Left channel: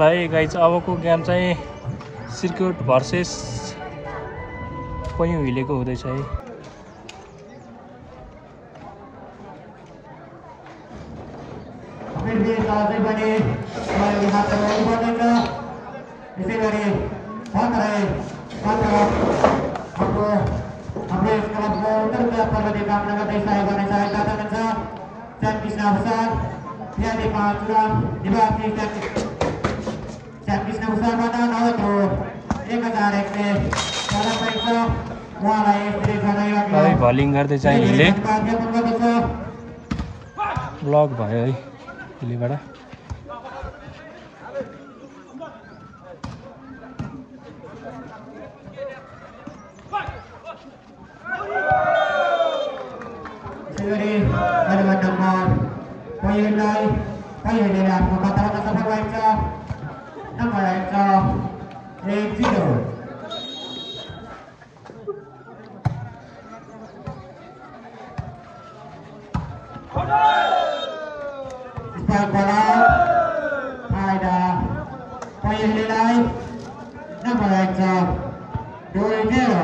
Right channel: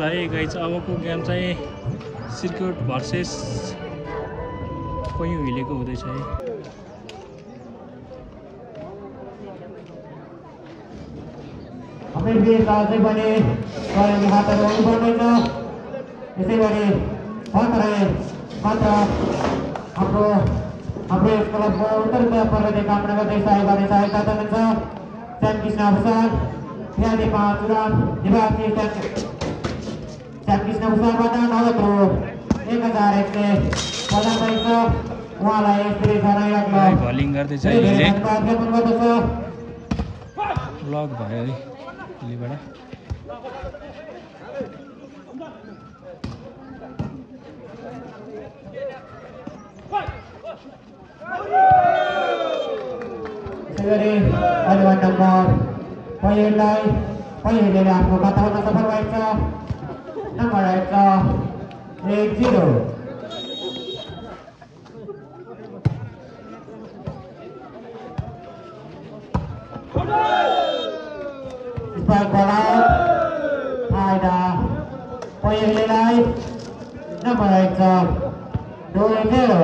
भाइ गाइज अबको गेम चाहिँ सर्किट भर्सेस पैँयु हिलेको हुँदैछ है। हाम्रो क्लबको उत्तर प्रदेश कामना गर्दै सहयोग गर्ने सहायता चाहनुहुन्छ चैन कृष्ण भूषाल फ्यादी 5 ग्राम दिवाकी चैन कृष्ण भूषालबाट नगद रु 1001 प्रदान भएको छ। उहाँलाई भाइ बलिङ गर्दै चाहिँ हिले ब्लक भयो है हिलेबाट। पहिलेले आफ्नो खाताबाट सफल भएको छ। नम्बर 80 स्पाइक बल फाइदा पहिलेलाई नम्बर 2-0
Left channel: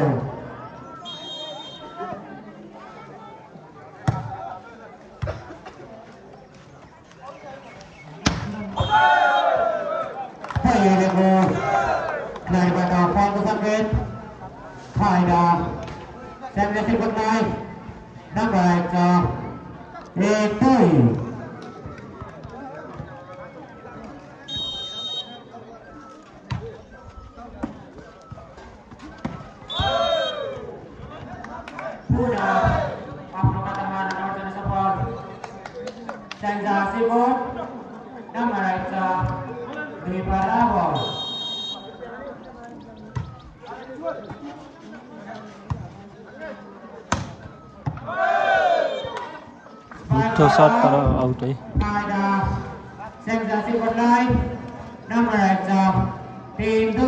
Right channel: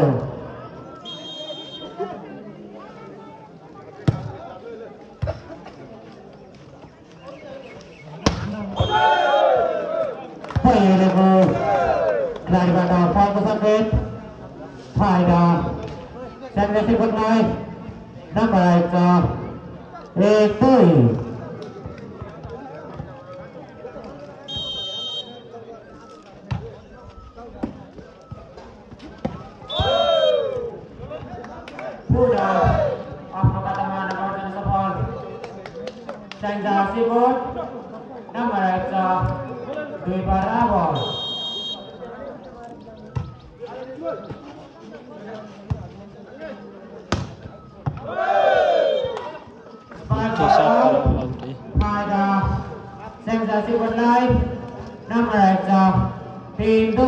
पहिलेको खेलाडीबाट फलको सङ्केत फाइदा च्याम्पियनसिप बदलाई नम्बर 1-2 पुरा आफ्नो खातामा नम्बर गर्न सफल च्याम्पियनसिप नम्बर 2 बराबर फाइदा च्याम्पियनसिप बदलाई नम्बर 3-2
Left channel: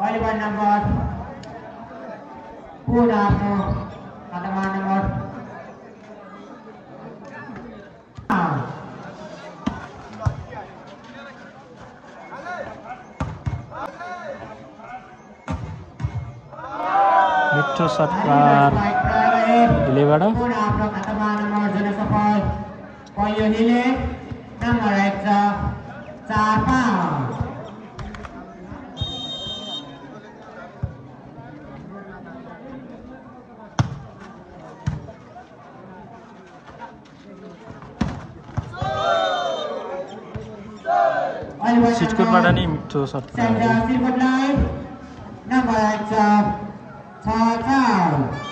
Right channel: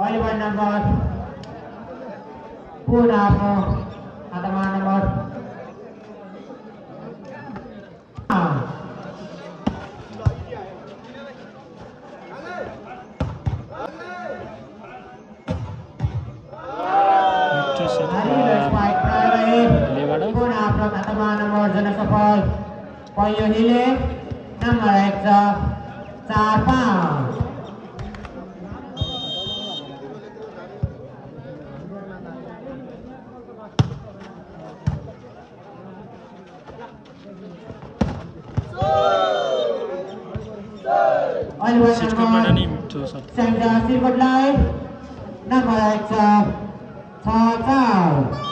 अहिले नम्बर पुरा आफ्नो खातामा नम्बर पुरा आफ्नो खातामा नम्बर जन सफल पहिलो हिले नम्बर 4-5 च्याम्पियनसिप बदलाई नम्बर 6-4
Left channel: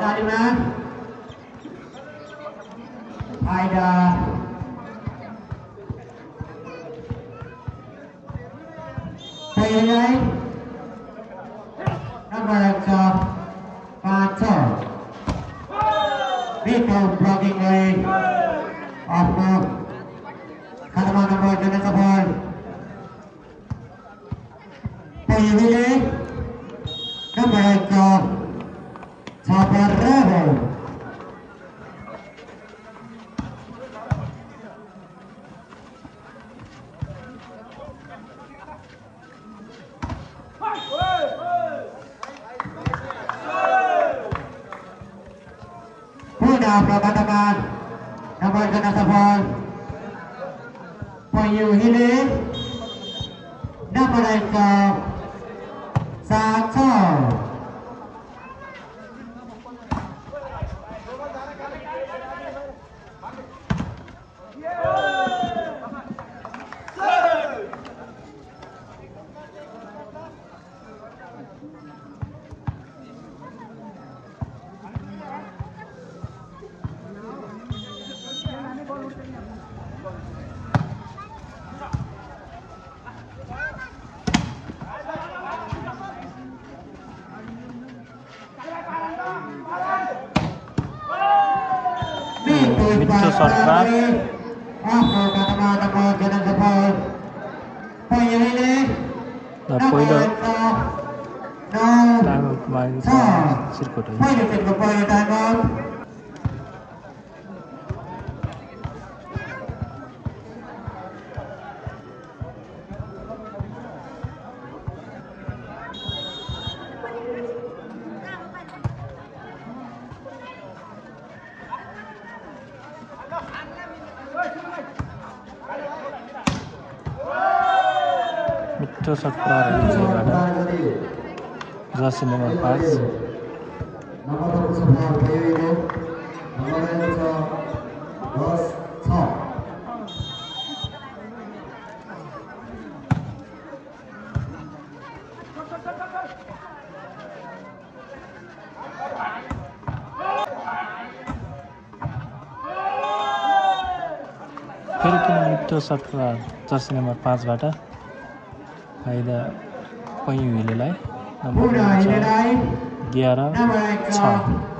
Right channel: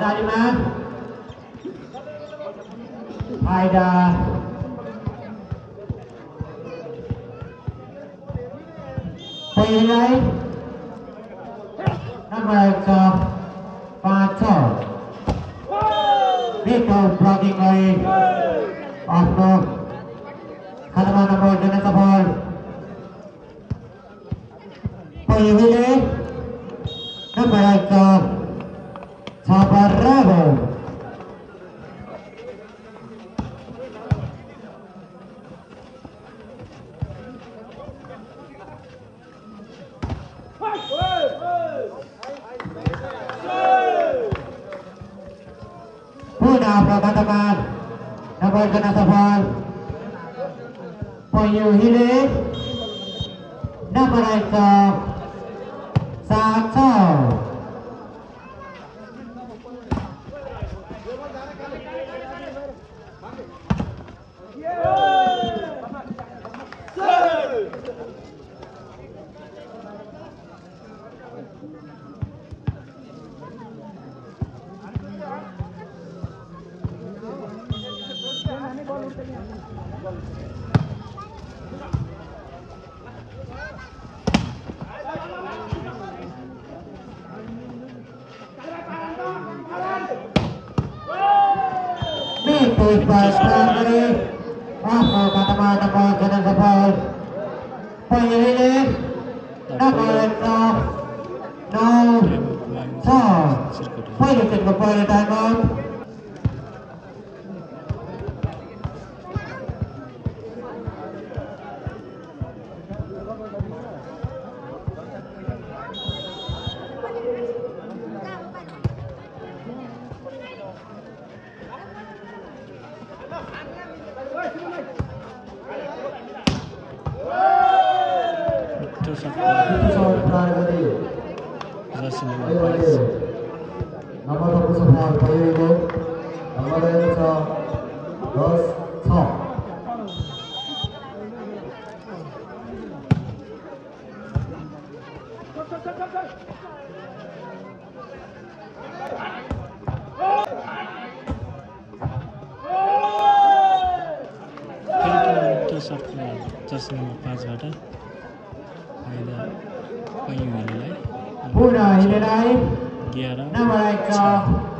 जालीमा फाइदा पहिलेलाई नम्बर 5-6 भित्र ब्लकिङ गरी आफ्नो खातामा नम्बर गर्न सफल पहिलेले नम्बर 6 बराबर पुनः आफ्नो खातामा नम्बर गर्न सफल Hile number 1 Sacho Mitut Pasari Afro Katama Jalan Sapal Poin Hile number 1 No Poin Ketiga poin Diamond Jersey number 5 nomor 21 Bayu Ibu nomor 6 Jersey number 5 बाट अहिले पयौँ हिलेलाई Puna Hilenai 11 number 11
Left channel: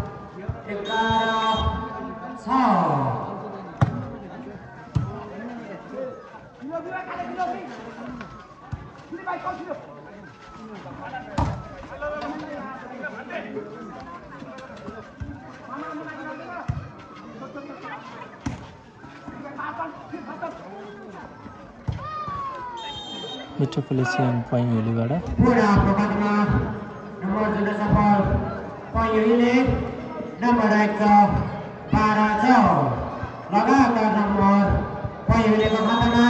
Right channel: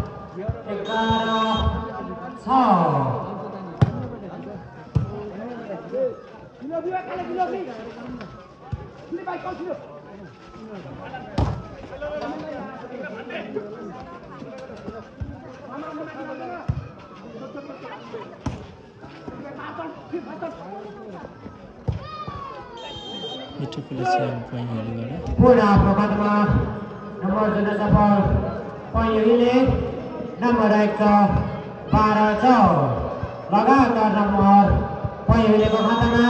Metropolitan पयौँ हिलेबाट Puna Prokatma nomor 7 Poin Hile number 12 लगातार nomor Poin Hile को खातामा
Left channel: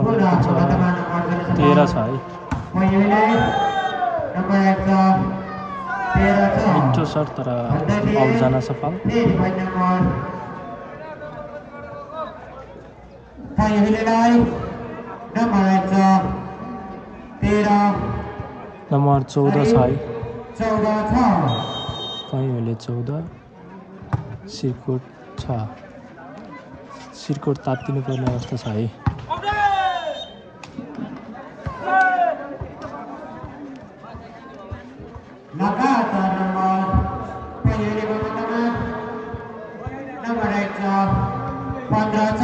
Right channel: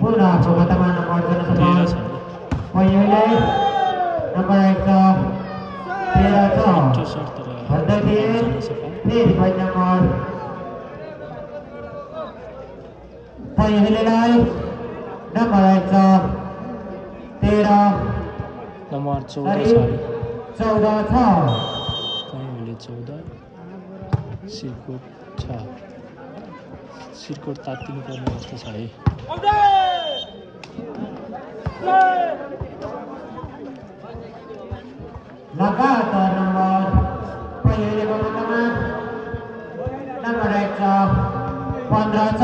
Puna Prokatma nomor 13 छ है Poin Hile number 13 मिठो short तर of जान सफल Ini poin nomor Poin Hilenai nomor 13 number 14 छ है 14 छ पयौँ हिले 14 सिरकोट छ सिरकोट तात्तिनु पर्ने अवस्था छ है लगातार nomor Poin Hile को खातामा nomor 15 छ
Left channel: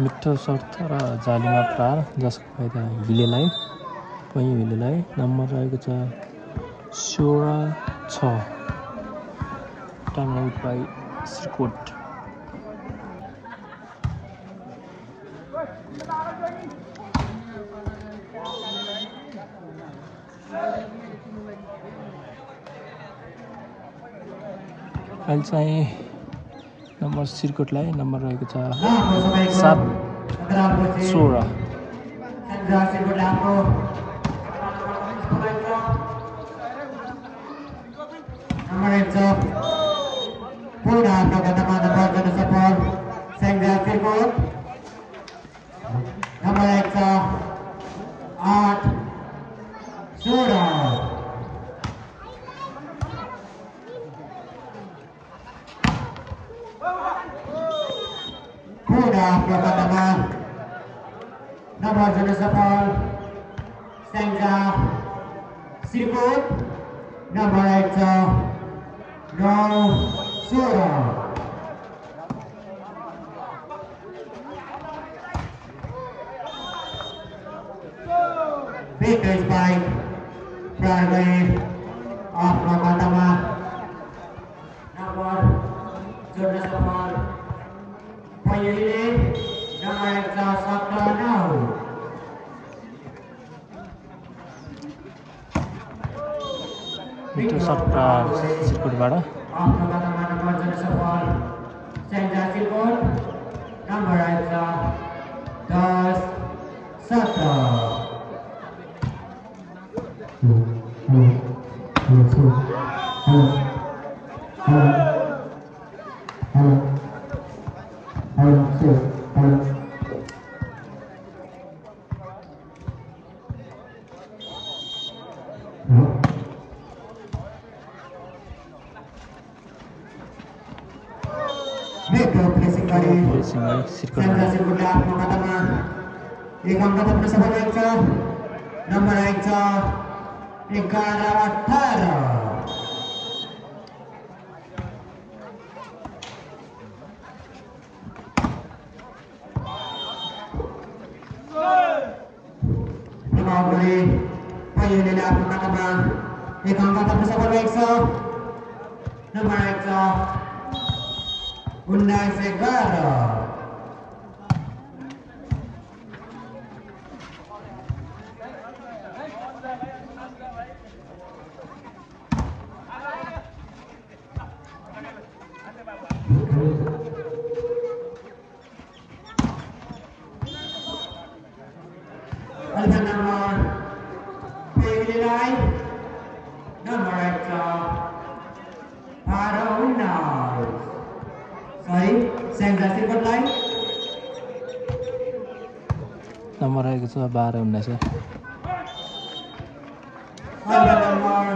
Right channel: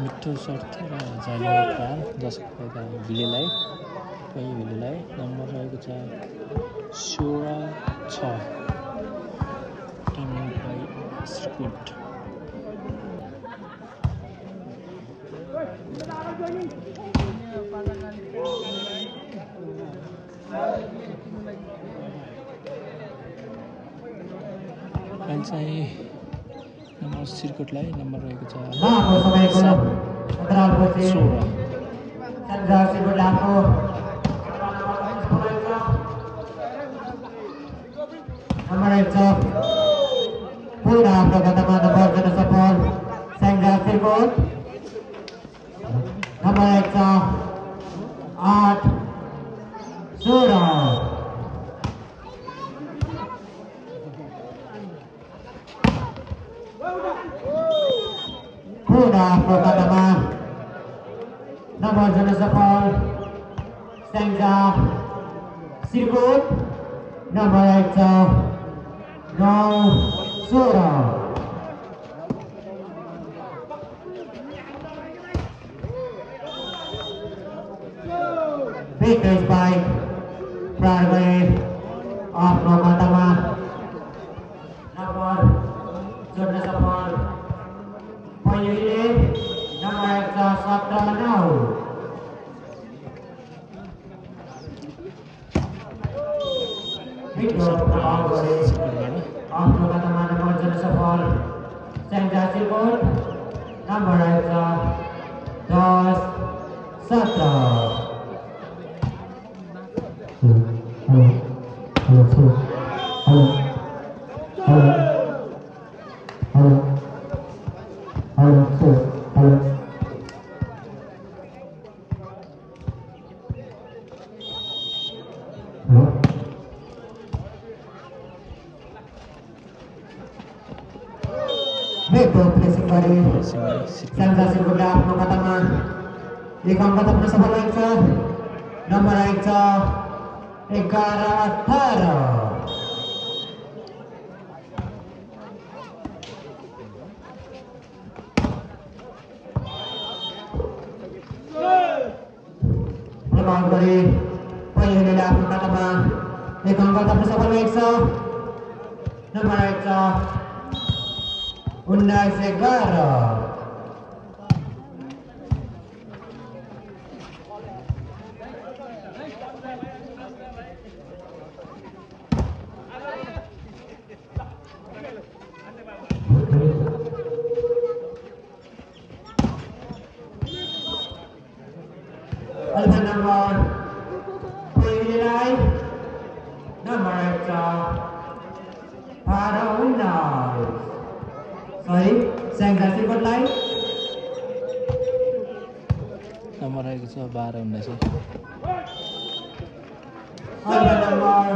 मिठो सर्ट र जालीमा प्रहार जसको फाइदा हिलेलाई पयौँ हिलेलाई नम्बर रहेको छ 16 टर्न आउट बाई सिरकोट अहिले चाहिँ नम्बर सिरकोटलाई नम्बर रहेको छ Lapo sampai ko 7 Antara Boci 16 Sandra Sibut Lapo Nomor 1 Puna Prokatma nomor 10 Sandra Sibut nomor 8 Surah Puna Nomor Janasapal Sengja Sirkut nomor 1 Nau Sura. Victor's bike Broadway of Lokatama nomor Janasapal Payahile nomor 117 Sirkutबाट आफ्नो खातामा number जनसफल Senja Sirkot number 10 17 Metro pressing gari Sengja Sirkut आफ्नो खातामा एक अङ्क थप्न सफल भएको छ नम्बर 11-18 प्रभाव गरी पहिलेले आफ्नो खातामा एक अङ्क थप्न सफल भएको छ नम्बर 19-11 Alpha number पहिलेलाई नम्बर 19 सही सेन्जा सिरकोटलाई नम्बर आएको छ 12-19 Alpha number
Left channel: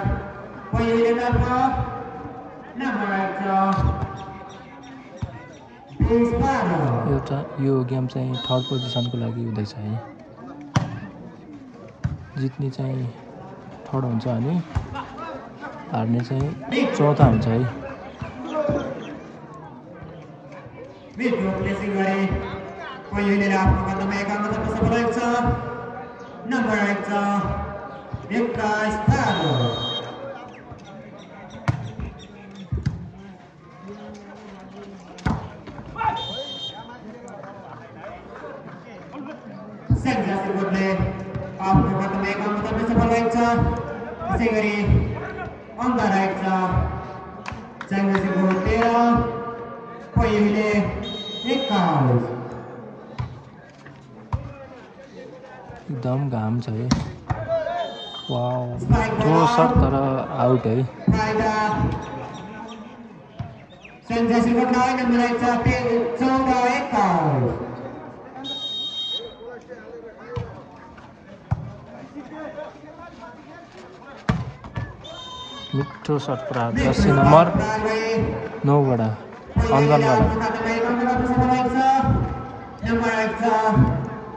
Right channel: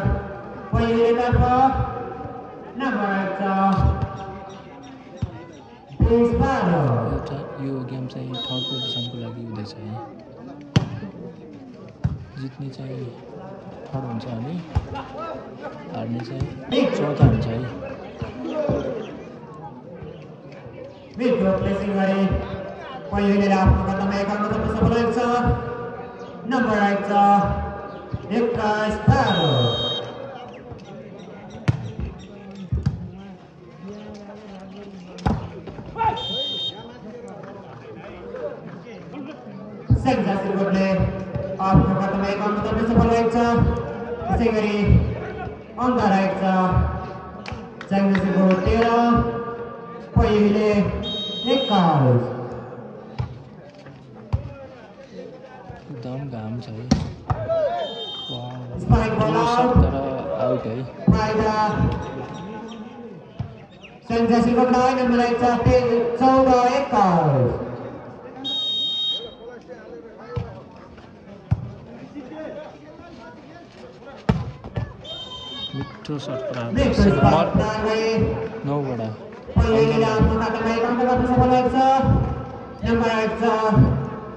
पहिलेतर्फ नम्बर 20-12 यो गेम चाहिँ थर्ड पोजिसनको लागि हुँदैछ है जित्ने चाहिँ थर्ड हुन्छ अनि हार्ने चाहिँ चौथा हुन्छ है Metro pressing gari पहिलेले आफ्नो खातामा एक अङ्क थप्न सफल भएको छ नम्बर 21-12 सेन्जा सिरकोटले आफ्नो खातामा एक अङ्क थप्न सफल भएको छ त्यसै गरी अङ्क रहेको छ सेन्जा सिरकोट 13 पहिले 21 एकदम घाम छ है वाउ Spike ball out. तर आउट है फाइदा सेन्जा सिरकोटलाई नम्बर 14-21 मिठो सर्ट प्राप्त नम्बर 9बाट पहिलेले आफ्नो खातामा एक अङ्क थप्न सफल भएको छ नम्बर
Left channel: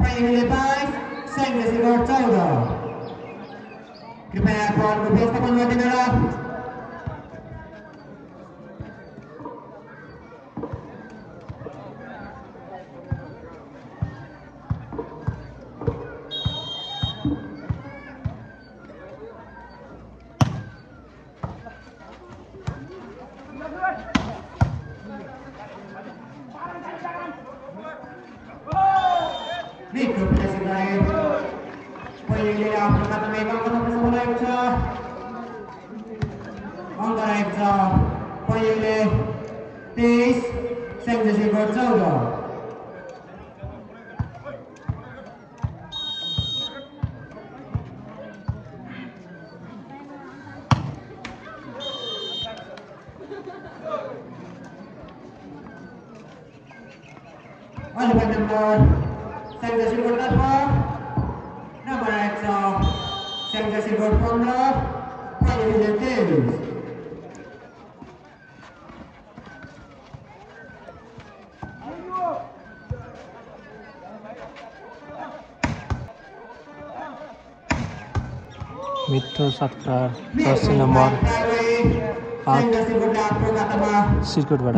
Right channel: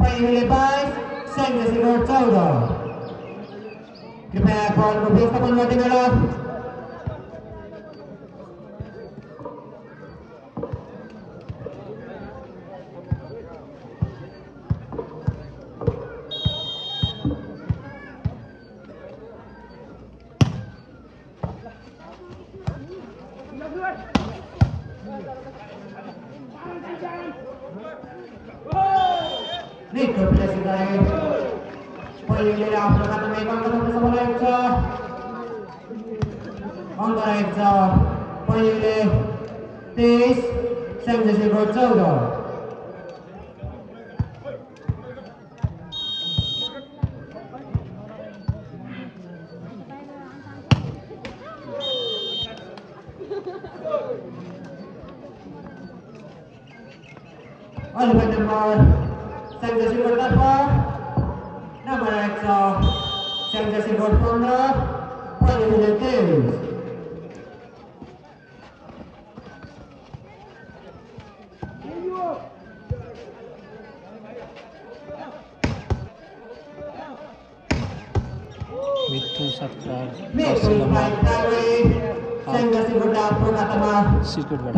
22 सेन्जा सिरकोट 14 कृपया बलको व्यवस्थापन गरिदिनु होला Metro pressing gari पहिलेले आफ्नो खातामा एक अङ्क थप्न सफल भएको छ अङ्क रहेको छ पहिलेले 23 सेन्जा सिरकोट 14 Alpha number सेन्जा सिरकोटतर्फ नम्बर 1 सेन्जा सिरकोट 15 पहिलेले 23 Alpha मिठो सरकार जर्सी नम्बर 8 सिरकोटबाट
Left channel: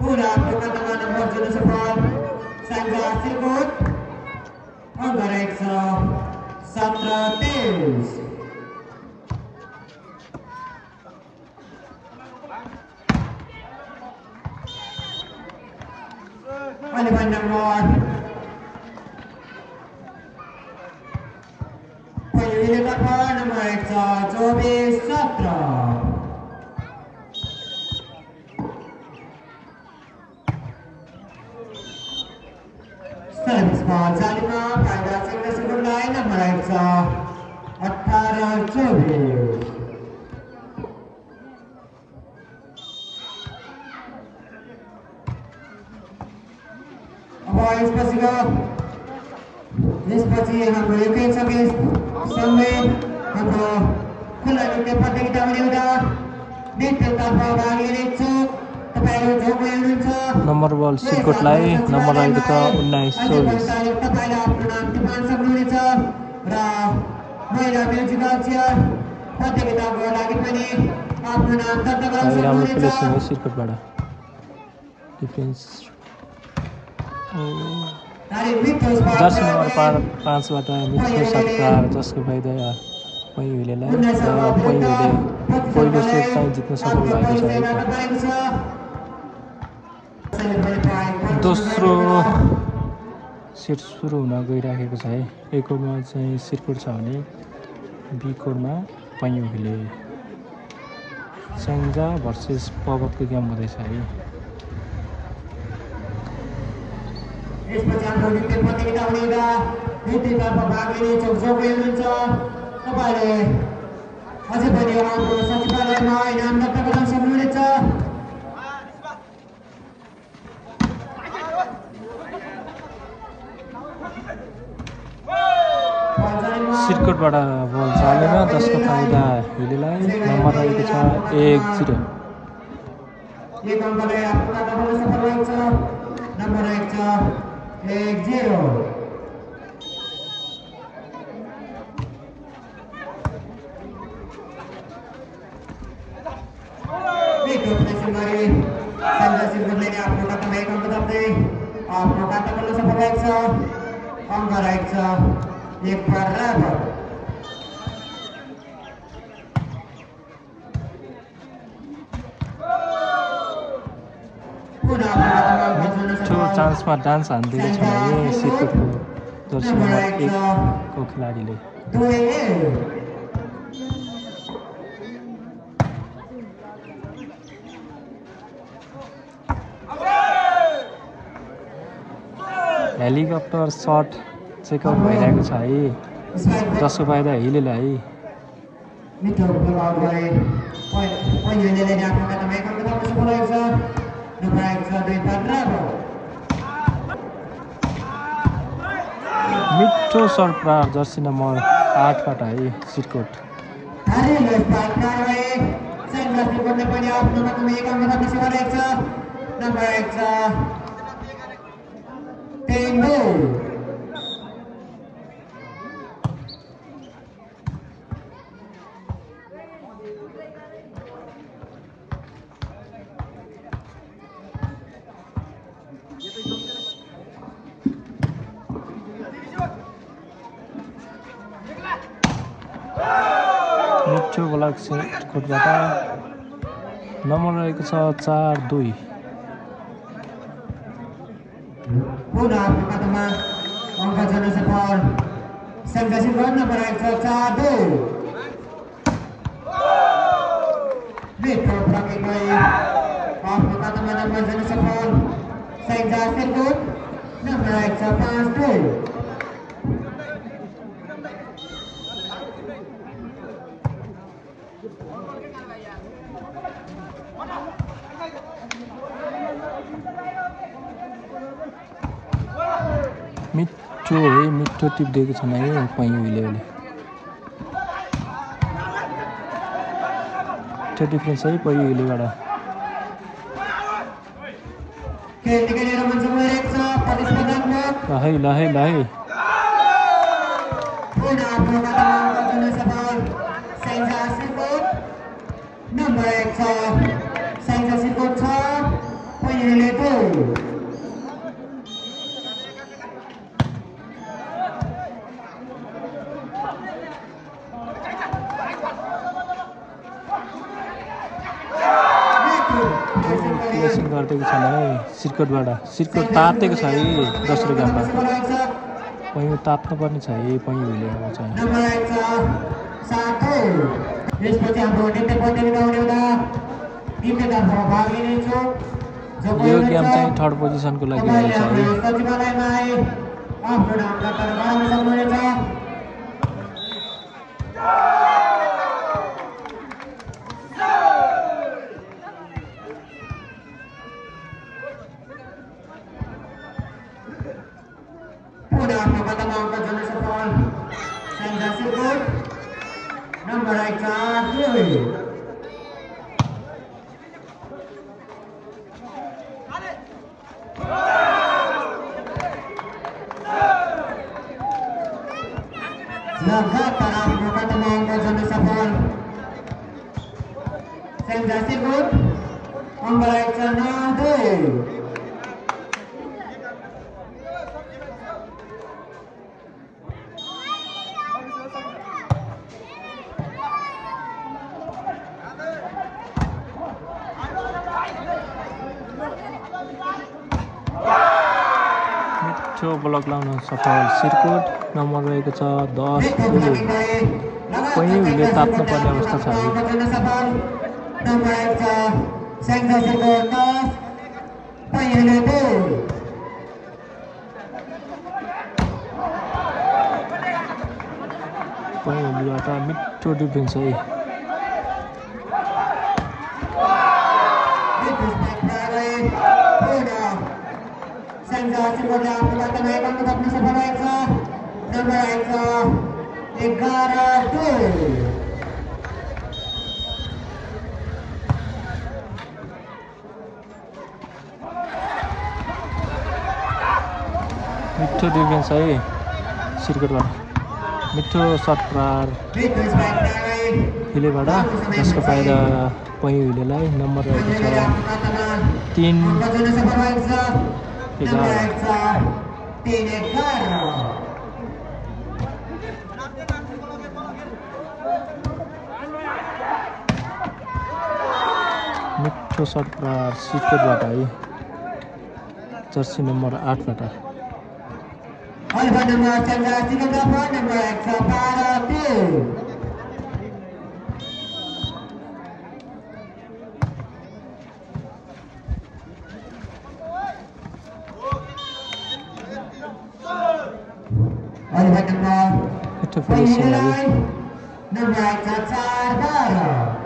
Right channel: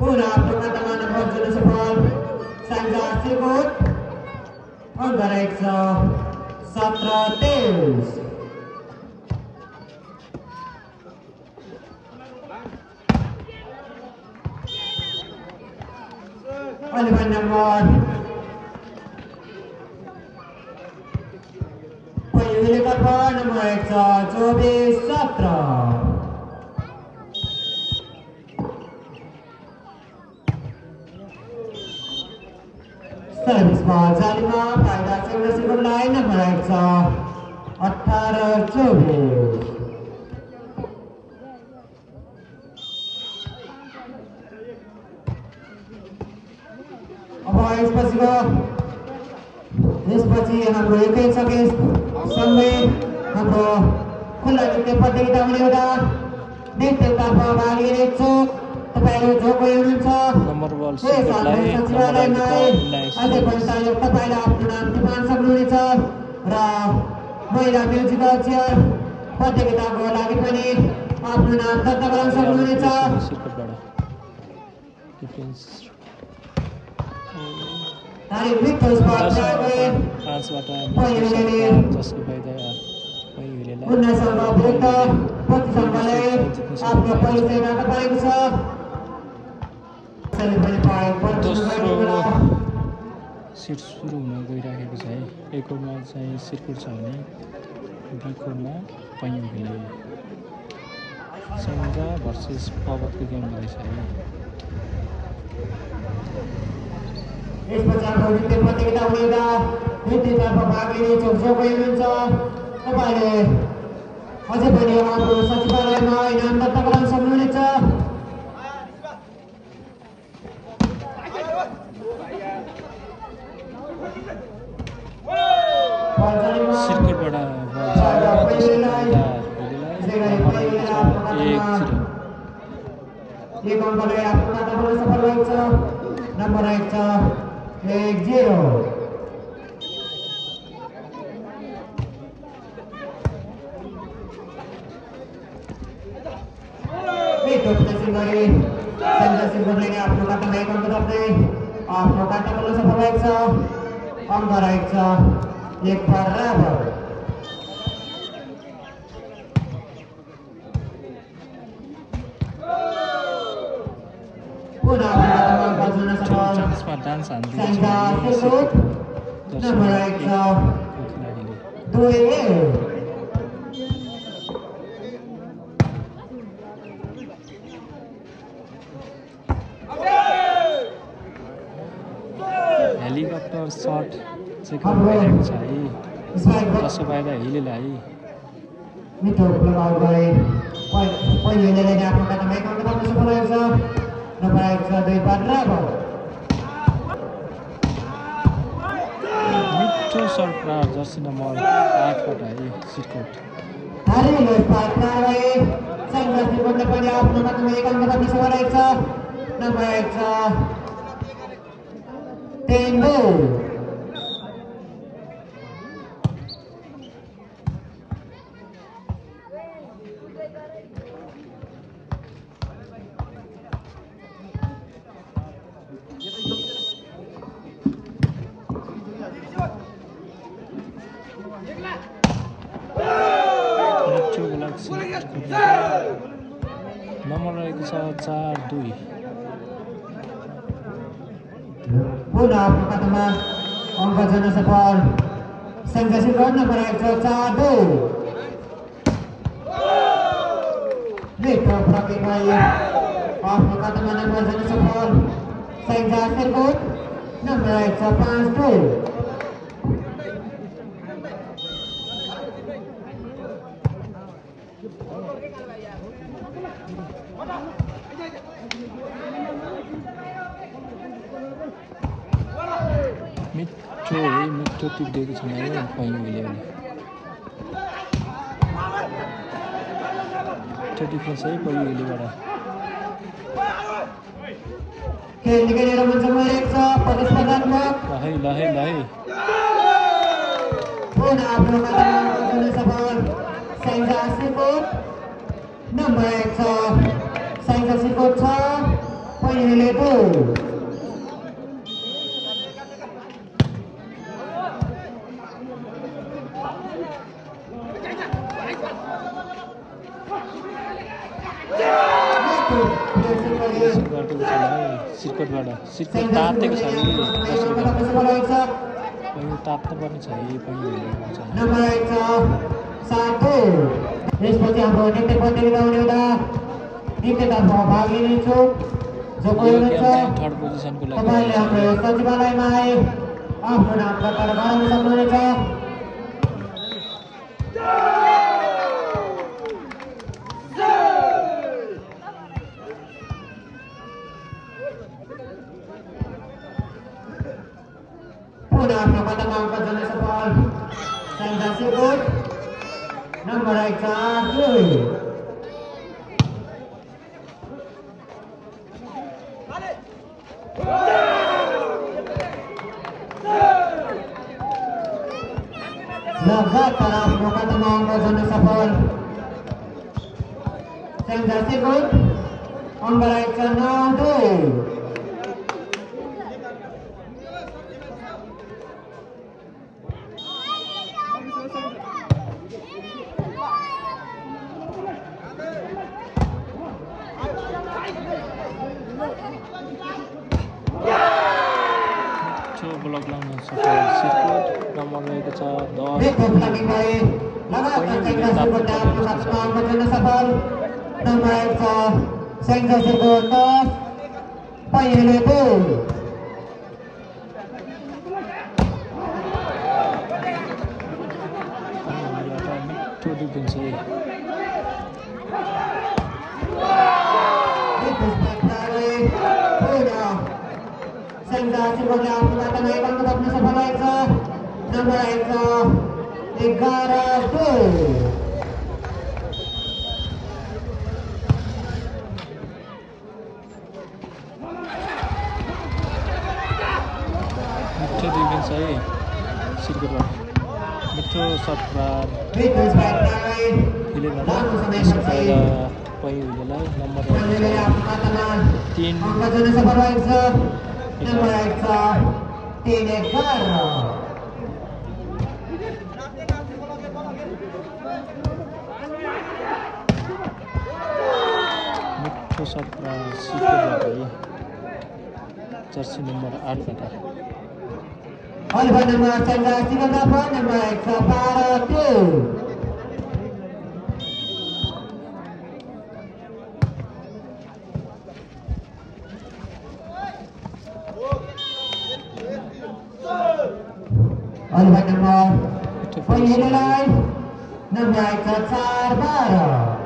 पुनः प्रकटमा नम्बर जुन सफल संघ सिरकोट अंक 117-23 Eleven number Payuhilikan po number 24-17 Service ball Zalima Faida Single Single Line number 18-24 यसपछि हाम्रो एकै सके सँगै हाम्रो खुला नृत्य प्रतियोगितामा एउटा नृत्यतर्फ भाग लिने इच्छुक तपाईहरु जो कोही हुनुहुन्छ नम्बर बल सिरकोटलाई नम्बर आएको छ 19 तपाईले आफ्नो नाम टिपाउन सक्नुहुनेछ र महिला म्युजिकल चेयर प्रतियोगिताको लागि पनि आफ्नो नाम दर्ता गराउन सक्नुहुनेछ सिरकोटबाट डिफेन्स तारिक मिठो स्पट 5 बाट मिठो सरकार जसको फाइदा पहिले नै 19 अङ्क विरुद्ध प्रतिस्पर्धाले आफ्नो परिचय गर्न पाएको छ दोस्रो सेट सुरु हुन गइराखेको छ है ए कोडमा चाहिँ सिरकोट छ भने बी कोडमा पन्युले सेन्जा भर्सेस पर्वतको गेम हुँदैछ है यसपछि हाम्रो नृत्य प्रतियोगिता हुनेका नृत्यतर्फ भाग लिने इच्छुक जो कोही हुनुहुन्छ तपाईले अझै पनि हाम्रो सचिवालयमा इनाम दर्ता गराउन सक्नुहुनेछ सिरकोटबाट बल जाने त्यसको फाइदा हिलेलाई नम्बर आएको छ 1-0 एक अङ्कले आफ्नो खाता खोल्न सफल भएको छ नम्बर आएको छ 1-0 मिठो प्लेसिङ गरी सेन्टर सिरकोटले आफ्नो खातामा एक अङ्क थप्दै आफ्नो खाता खोल्न सफल भएको छ अङ्क रहेको छ 1 बराबर पुनः चान्समा डान्स हान्दिरहेछ खेलाडीले हेलिकप्टर सट चेकअप भइरहेको छ है जसको फाइदा हिलेले है मिठो प्रभाव गरे पहिलेले आफ्नो खातामा एक अङ्क थप्न सफल भएको छ नम्बर आएको छ 2 बराबर मिठो सरकार जर्सी नम्बर 8 बाट है सिरकोट हारेले पार्टनर भए सेन्टर सिरकोटले पनि आफ्नो खातामा एक अङ्क थप्न सफल भएको छ नम्बर आएको छ 3-2 नम्बर रहेको छ 4-2 पुनः आफ्नो खातामा अङ्क जोड्न सफल सेन्टर सिरकोट नम्बर आएको छ 4-2 मिठो प्रकिङ भई आफ्नो खातामा नम्बर जोड्न सफल सेन्टर सिरकोट नम्बर आएको छ 5-2 मिठो टिप्दिएको छ मैले पहिले मिठो डिफ्रेन्स है पहिलेबाट खेल निकालेर मञ्चमा रहेको छ प्रतिस्पर्धात्मक लहै पुनः आफ्नो खातामा गर्न सफल साइन्जा सिरकोट नम्बर 1 छ साइन्जा सिरकोट 6 पहिलेले 2 सिर्कोट तातेको छ है दोस्रो पहिलो ताप्नुपर्ने छ है पहिलो नम्बर 1 छ सातो यसपछि हाम्रो नृत्य प्रतियोगिता हुने हुँदा नृत्यतर्फ भाग लिने इच्छुक जो कोही हुनुहुन्छ थर्ड पोजिसनको लागि तपाईँले हाम्रो सचिवालयमा आए आफ्नो नाम दर्ता गराउन सक्नुहुनेछ पुनः आफ्नो खातामा अङ्क जोड्न सफल साइन्जा सिरकोट नम्बर 1 छ 2 लगातार आफ्नो खातामा अङ्क जोड्न सफल साइन्जा सिरकोट नम्बर 1 छ 9-2 ब्लक लाउन सफल सिरकोट नम्बर रहेको छ 10 नम्बर 1 छ साइन्जा सिरकोट 10 पहिलो 2 मिठो डिफ्रेन्स है साइन्जा सिरकोटले आफ्नो खातामा एक अङ्क थप्न सफल भएको छ नम्बर 1 छ 11-2 मिठो डिफ्रेन्स है सिरकोटबाट मिठो सर्ट खेलेबाट यसको फाइदा पहिलेलाई नम्बर 3 सफल भएको छ नम्बर 1 छ 3-11 मिठो सर्ट सिरकोटबाट है जर्सी नम्बर 8 बाट अल्फा नम्बर साइन्जा सिरकोट नम्बर 1 छ 12-2 अल्फा नम्बर पहिलेलाई नम्बर 1 छ 4-12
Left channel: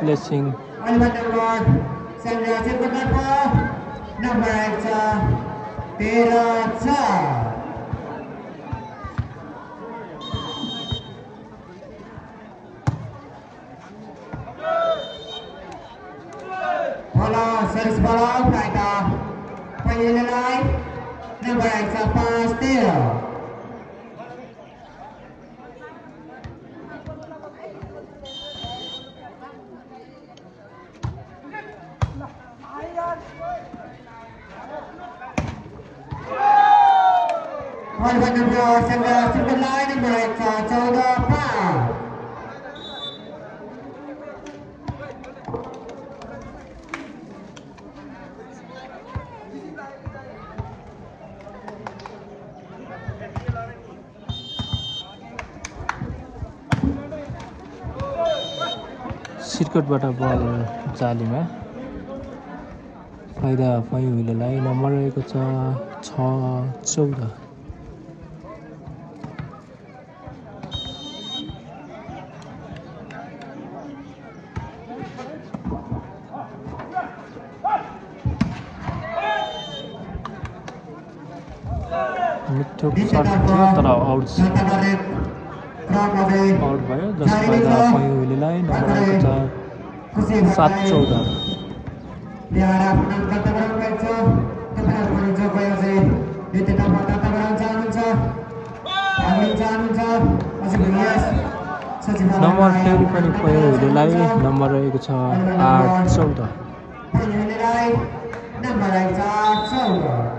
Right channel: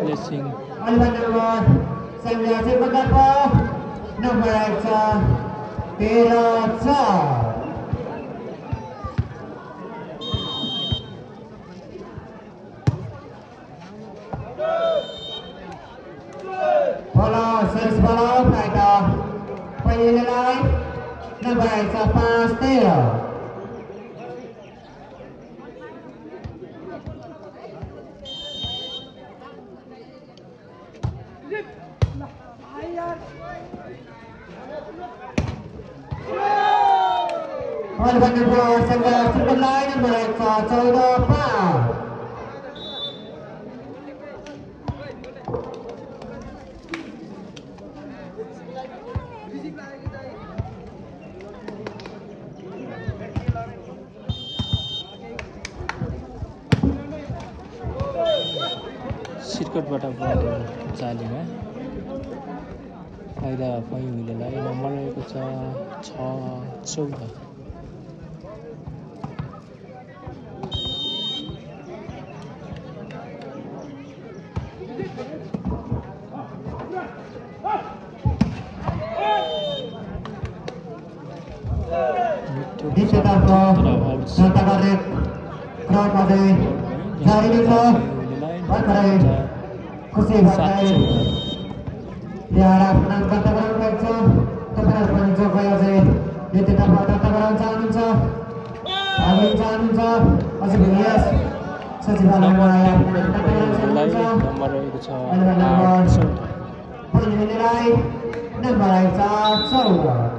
प्लेसिङ अल्फा नम्बर साइन्जा सिरकोट नम्बर 1 छ 13-4 Service bola faida पहिलेलाई नम्बर 1 छ 5-13 अल्फा नम्बर साइन्जा सिरकोटलाई नम्बर 1 छ 14-5 सिरकोटबाट बल जालीमा फाइदा पहिलेलाई नम्बर रहेको छ 6-14 अल्फा द्वितीयतर्फ तर आउट जनताले क्रममध्ये आउट भयो जारी नै छ पयोलीलाई भर्खरै खुसी भएरै 7-14 यहाँ आफ्नो नाम दर्ता गराउनु भएको छ तपाईँहरू पनि जो गएर चाहिँ द्वितीयतर्फ दर्ता गराउन चाहनुहुन्छ भाग लिन चाहनुहुन्छ अझै पनि यस सचिवालयमा आफ्नो नाम दर्ता गराउन चाहनुहुन्छ नम्बर रहेको छ 8-14 पयोलीलाई नम्बर 8-14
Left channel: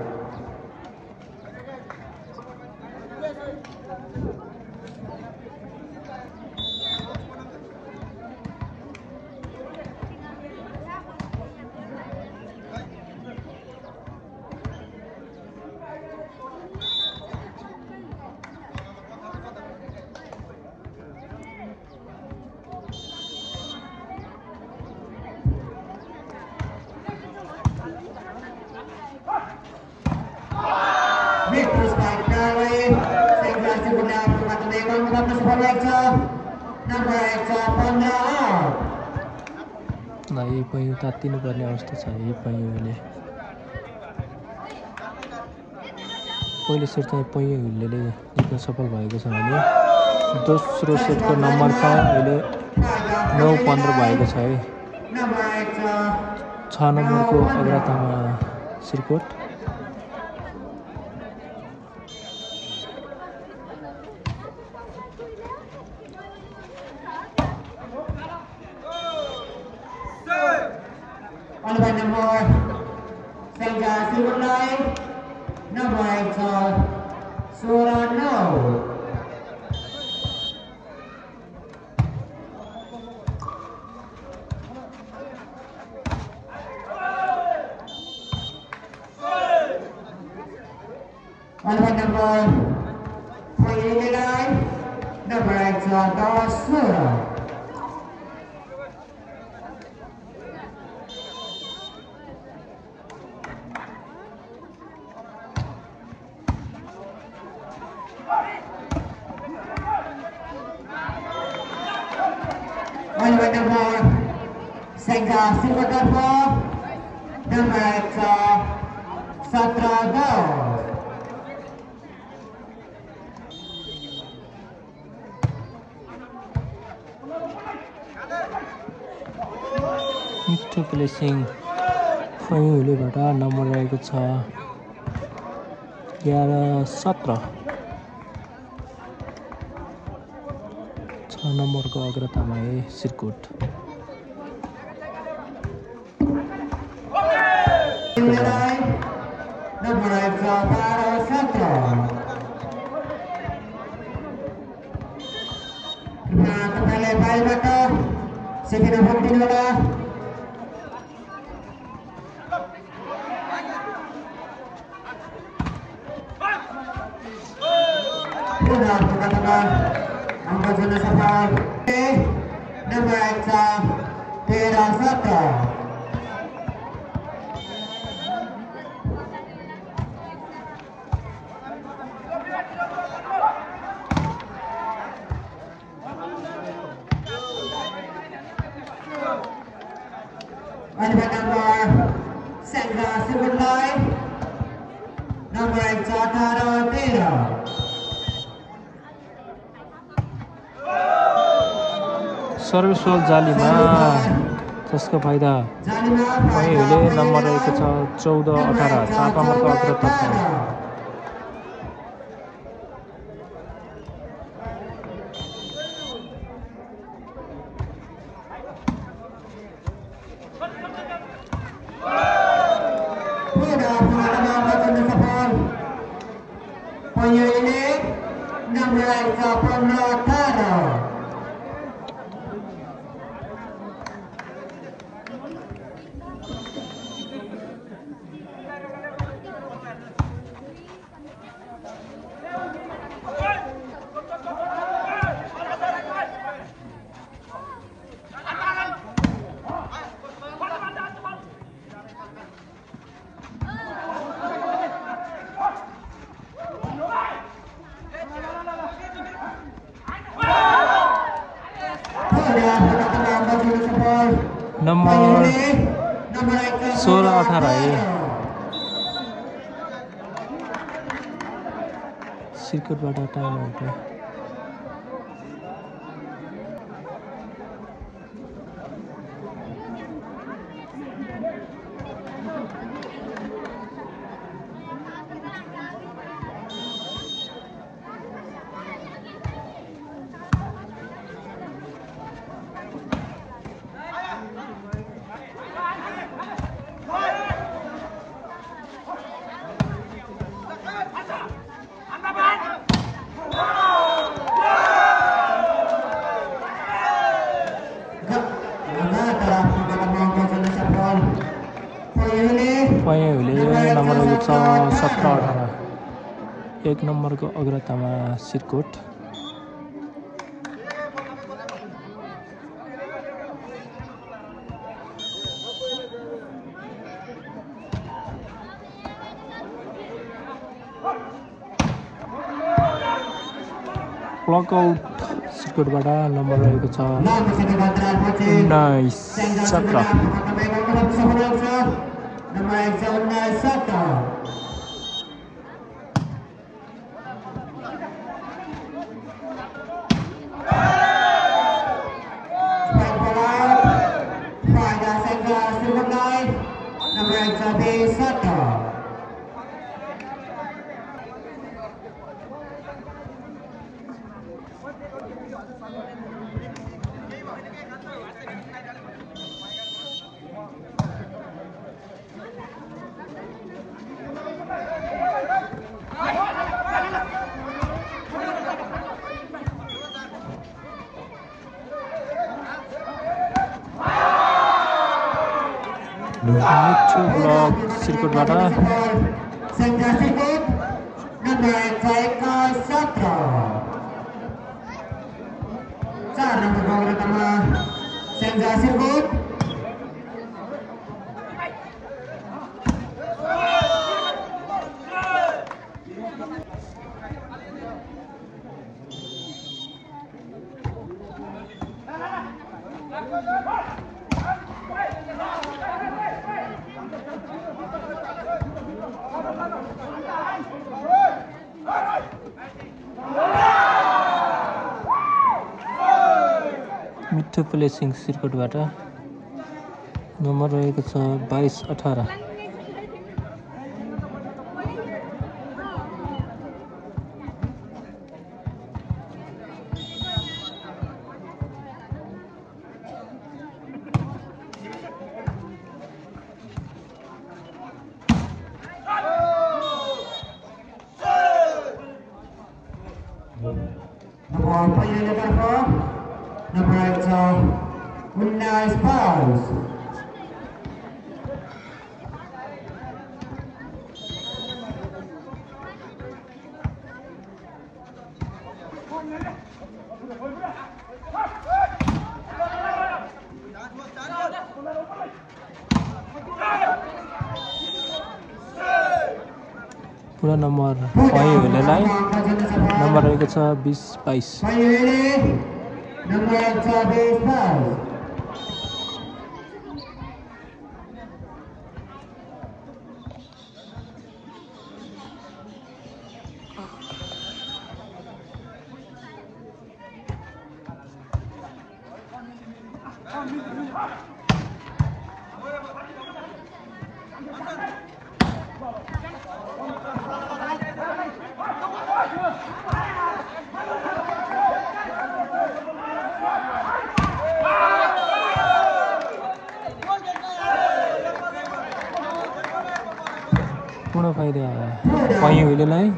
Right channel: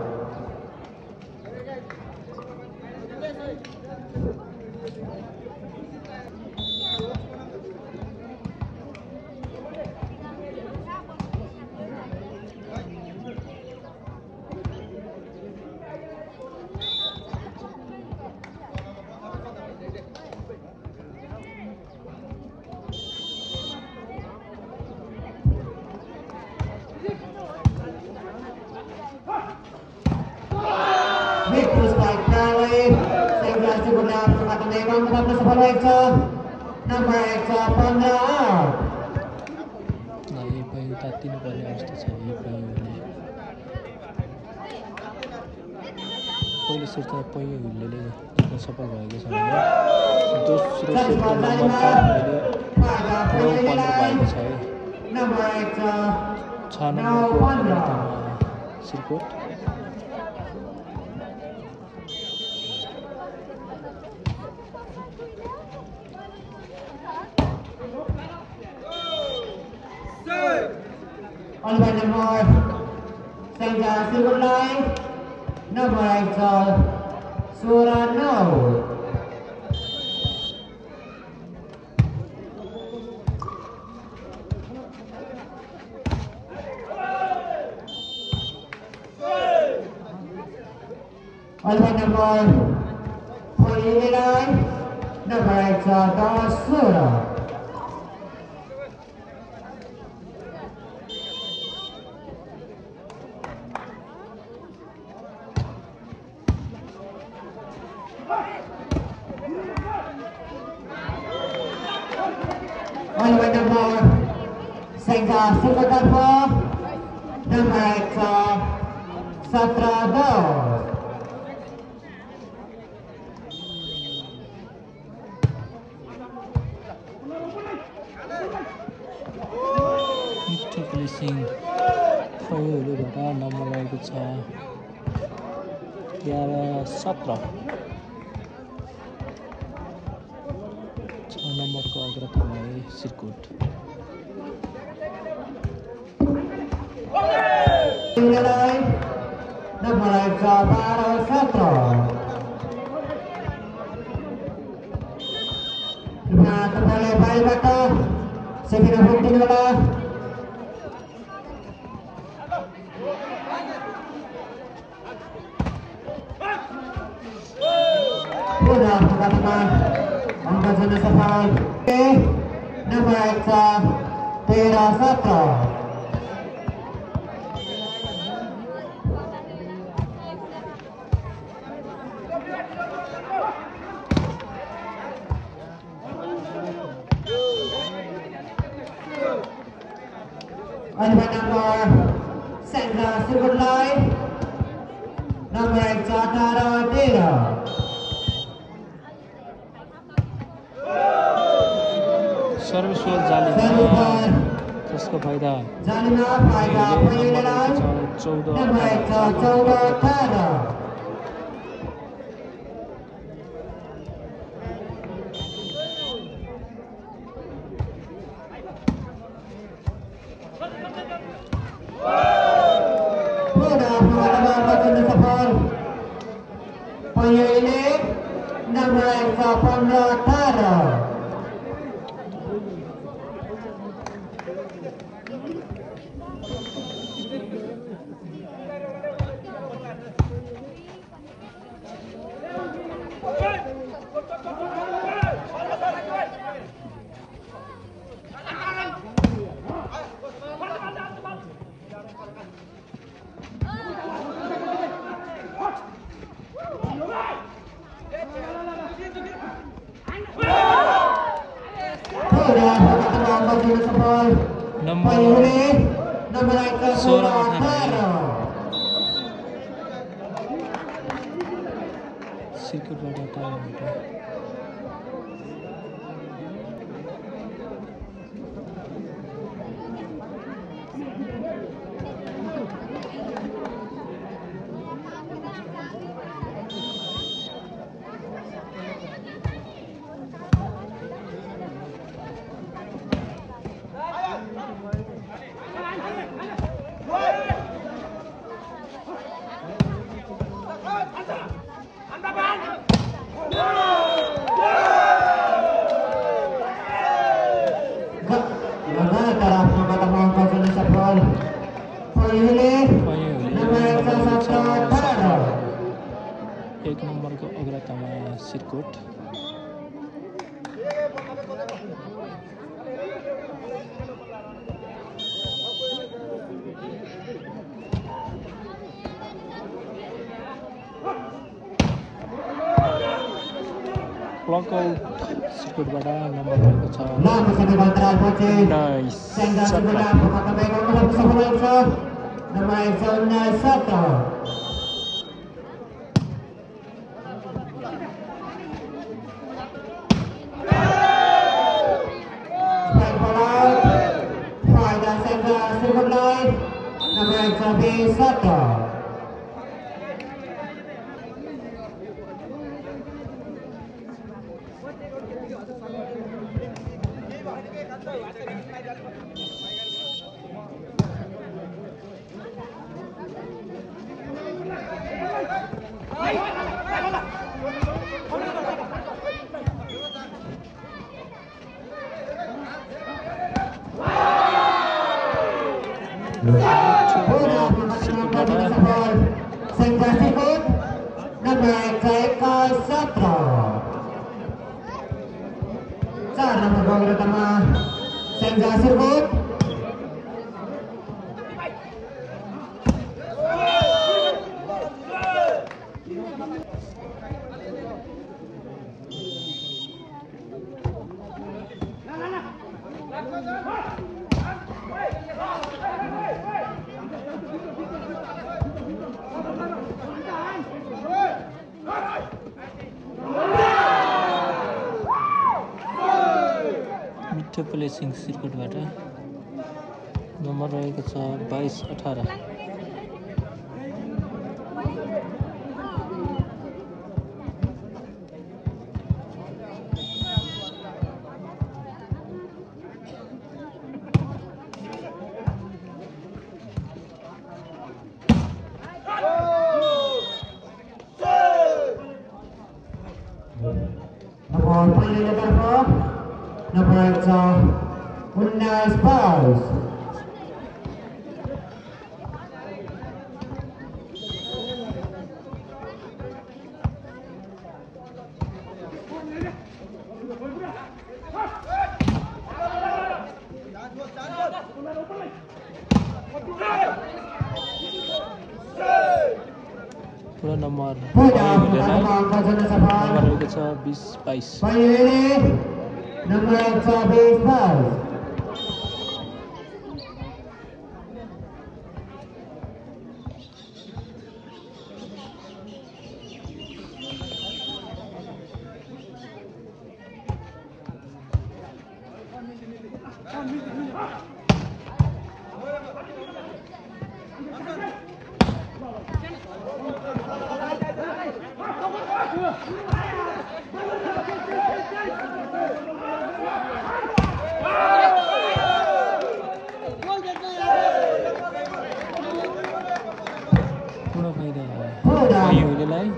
पयो तात्तिनुपर्ने अवस्था छ है पयोले पहिलो सेट चाहिँ पयोले जित्न सफल भएको छ भने दोस्रो सेटको नम्बर छ अहिले 9-15 भएको छ है 6 नम्बरको अग्रतामा Sirkot All by number Sangha Silver Line, number 8 Surano. All by number 29, number 8 Darasura. All by number Sangha Silver Line, number 8 Satrado. Placing पयोलीबाट नम्बर रहेको छ 11-17 6 नम्बरको अग्रतामा सिरकोट Number 12-17. तपाईँलाई बाहिरबाट सेकेन्ड हाफ दिनुहोला angka sudah safar number 13-17 Ada number Sangha Silver Line number 18-13 Sarveshwar जालीमा जसको फाइदा number रहेको छ 14-18 number 15-18 नम्बर 16-18 सिर्कुटबाट टाढा एक नम्बरको अग्रतामा सिर्कोट Walkout सिर्कोटबाट नम्बर रहेको छ 19 मिठो प्लेसिङ सिर्कोटबाट नम्बर रहेको छ 22-18 पुरा नम्बर रहेको छ 20-22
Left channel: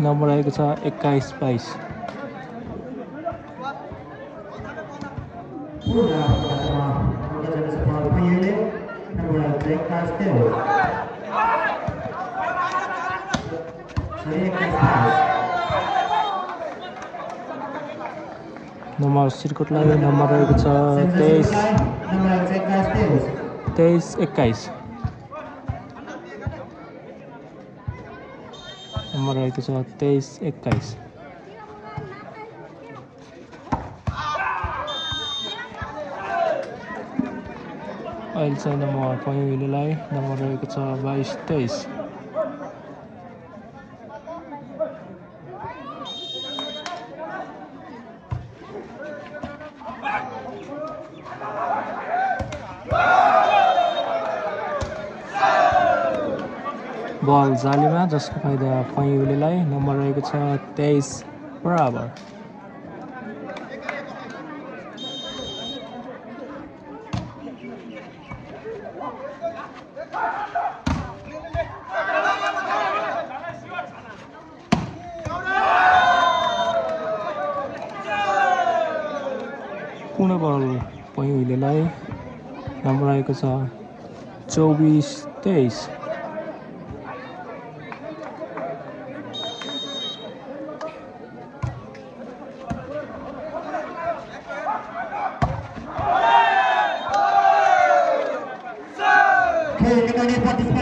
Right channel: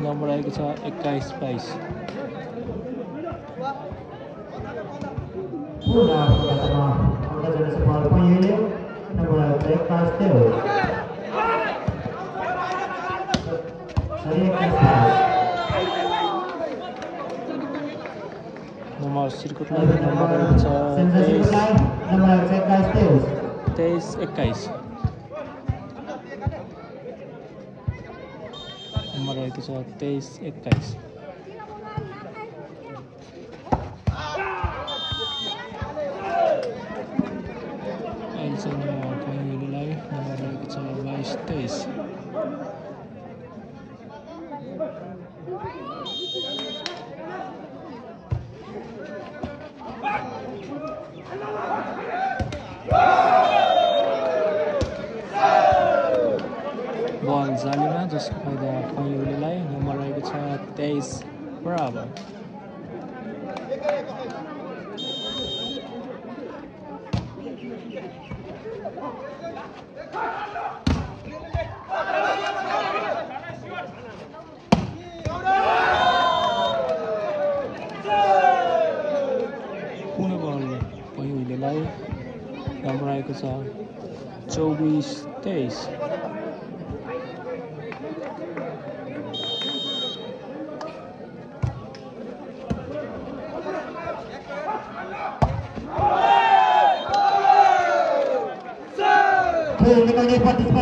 नम्बर आएको छ 21-22 नम्बर सिर्कोटलाई नम्बर रहेको छ 23-21 नम्बर रहेको छ 23-21 अहिलेसम्म नम्बर पहिलोलाई नम्बर रहेको छ 22-23 बल जालीमा जसको फाइदा पैँउलेलाई। नम्बर रहेको छ 23 बराबर। पुनः बल पैँउलेलाई। नम्बर रहेको छ 24-23।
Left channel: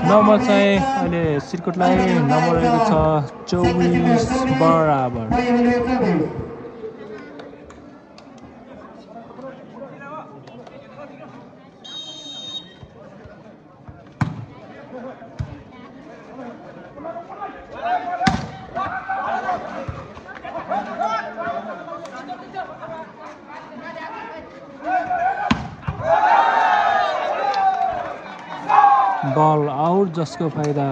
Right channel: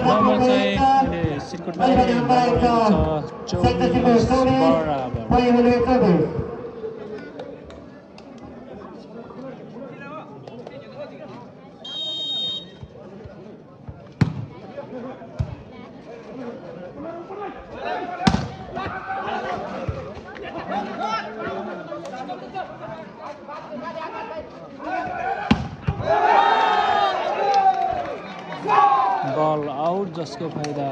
नम्बर चाहिँ अहिले सिर्कुटलाई नम्बर रहेको छ 24 बराबर। बल आउट जसको फाइदा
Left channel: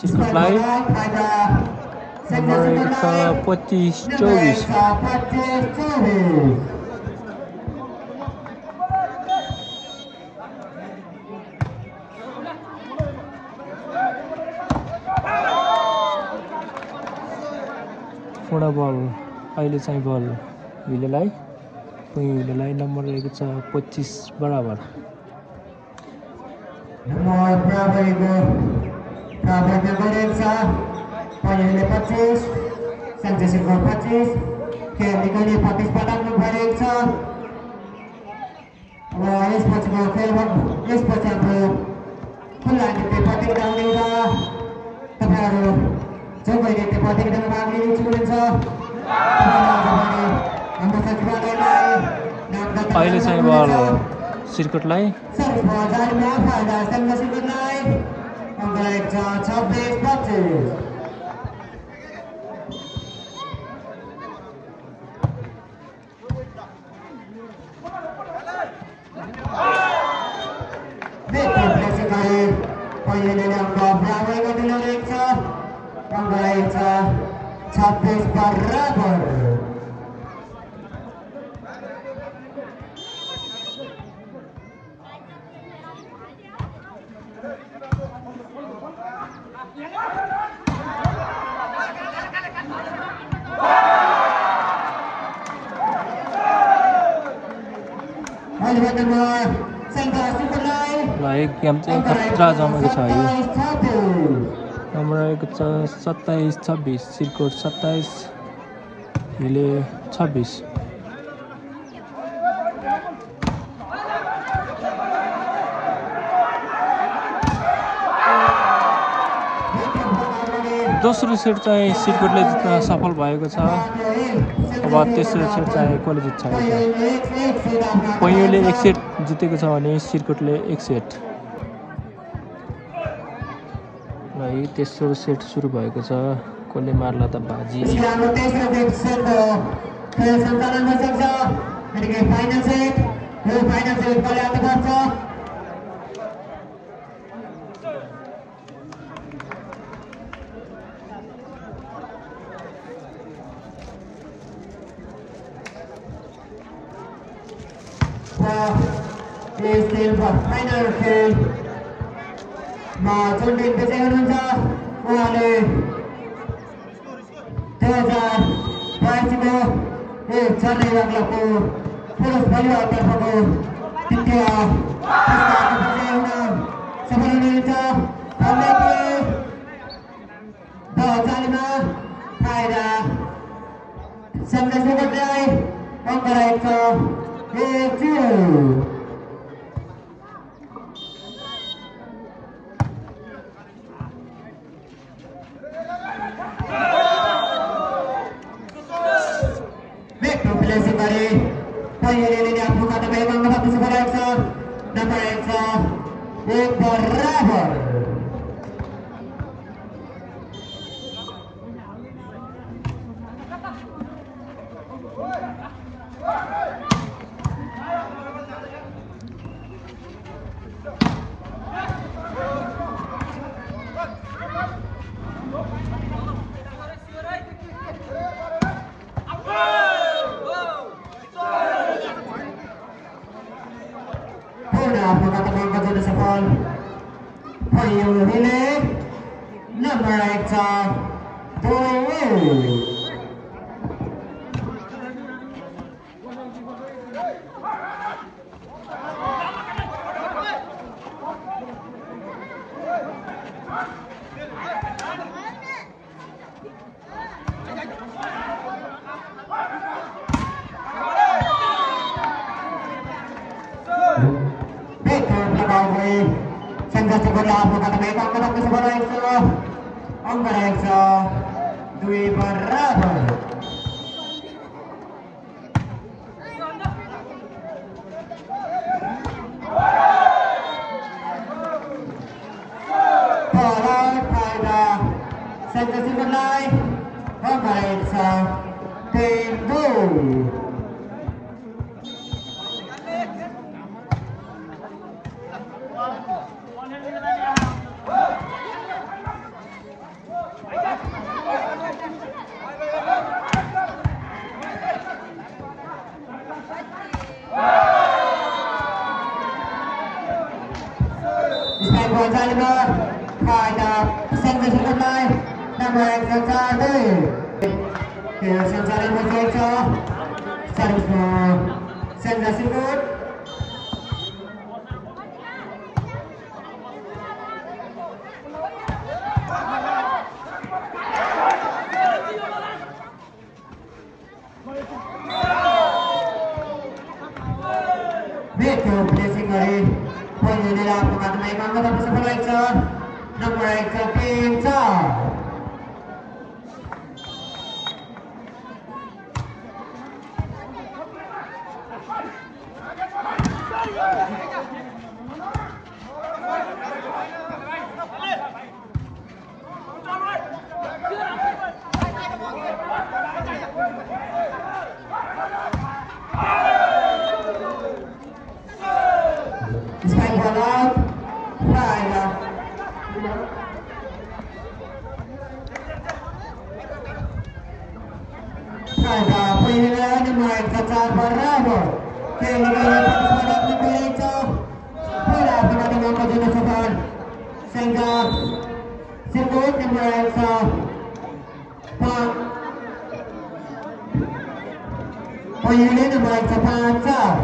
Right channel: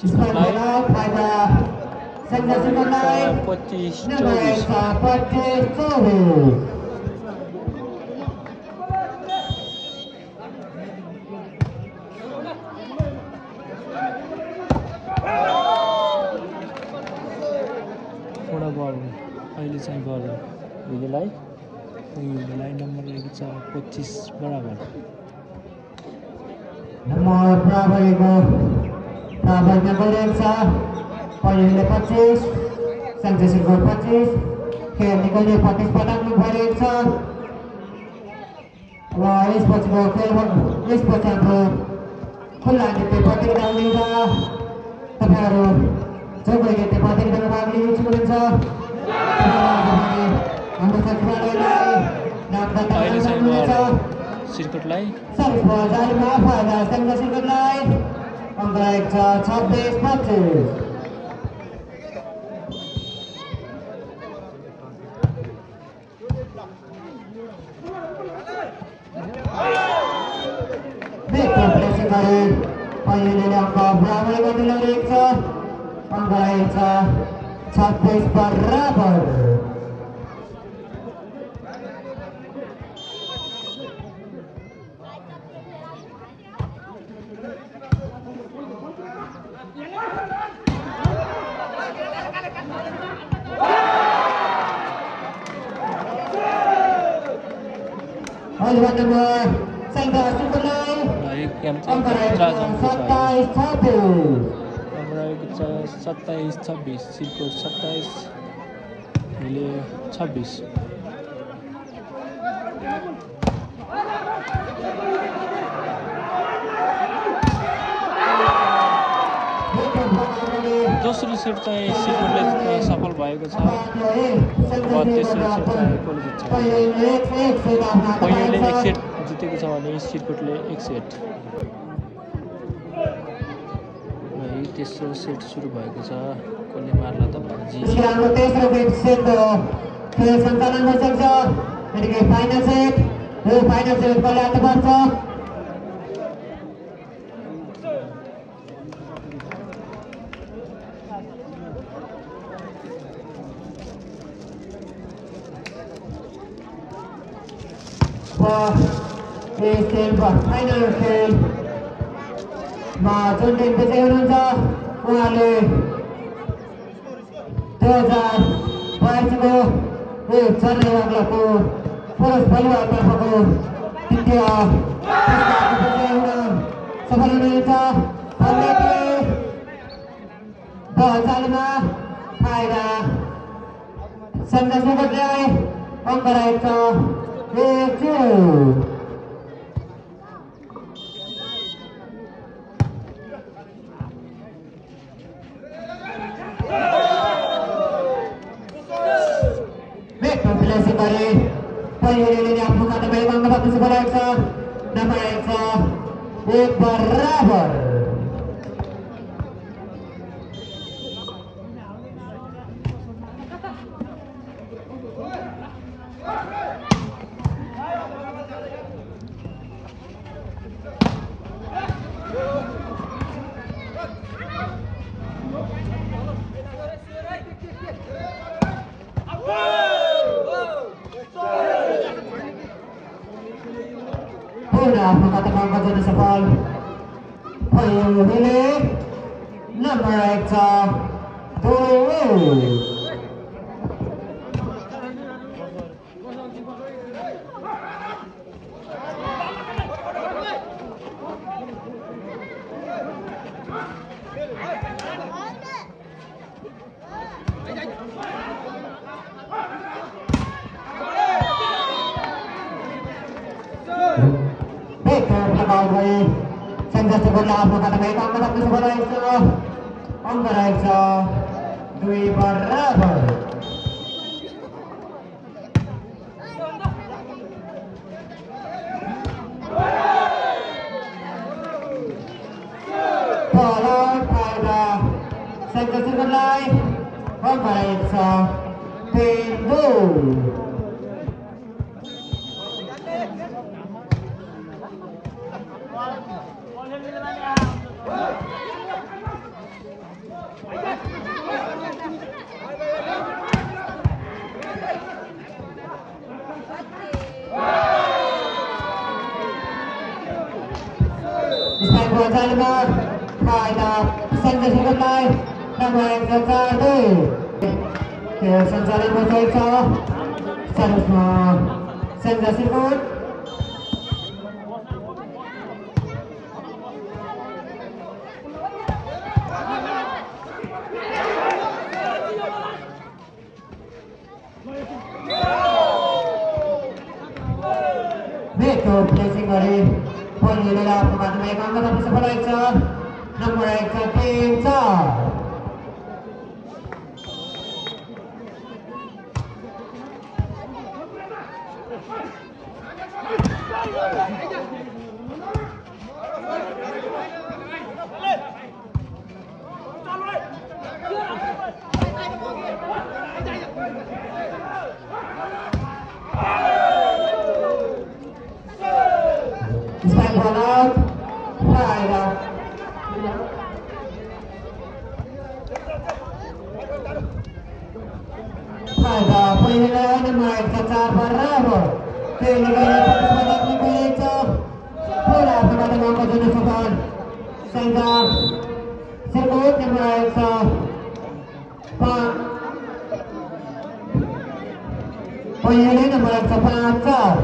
सिर्कुटलाई। 25-24। पुनः बल अहिले चाहिँ बल हिलेलाई। हिलेलाई नम्बर रहेको छ 25 बराबर। Nomor Prabowo Prabowo Gorensa Payule 25 Sanjay Silva 25 खेल निकाल्ने प्रतिस्पर्धामा भएको छ र यसपछिको खेल यसपछि हाम्रो खुल्ला नृत्य प्रतियोगिता लिएर तपाईहरु जो कोही नृत्य प्रतियोगितामा भाग लिन इच्छुक हुनुहुन्छ सिर्कुटलाई सर्भिस बजारमा फाइदा संघ सिर्कुटलाई अङ्क रहेको छ 26-25। अहिले अङ्क बराबर गर्दै ल्याइरहेको छ अङ्क रहेको छ 26 बराबर। नम्बर रहेको छ 27-26 सिर्कुट 27 हिले 26। दोस्रो सेट चाहिँ सिर्कुटले जित्न सफल भएको छ। अब तेस्रो सेट चाहिँ कसले जित्छ? पैँउले 1 सेट जितेको छ भने सिर्कुटले 1 सेट। तेस्रो सेट सुरु भएको छ। कसले मार्ला त भाजी। तेस्रो सेटको खेल सञ्चालन भइसक्छ। यतिकै फाइनल सेट कसले हात पर्छ? फाइनल खेलमा जुन टिम विजयी हुनुहुन्छ उहाँले 2082को चेन्नई बाग्लाको पुरुष भलिबलतर्फको तृतीय विजयी हुन सफल हुनुहुन्छ। बचालीमा फाइदा सन्देश मुखर्जीलाई अङ्क रहेको छ 1-0। पैँउलेले आफ्नो खातामा एक अङ्क बाँकी बनाएको छ। नम्बर 1 बराबर। sudah mengatakan kerja safal Payuhile nomor eksa Doiwu Sangga sekolah kata mereka angkat ke sekolah itu angkat itu dui berabar kalau ada sangga sekolah angkat itu pintu Salman Kaida Sangga Sekolah nama Eksa Sansaran Masa Eksa Sarusma Sangga Sekolah Beko blessing hari Ponyela pengatur mereka angkat sekolah Eksa nomor Eksa Pinsa Ada pilihan nomor cacar berabar. Pilihan partisipasi pilih itu. Pula pengatur angkat jenis safal. Sehingga sirkuit nomor itu. Pak. Pilihan nomor itu pacar.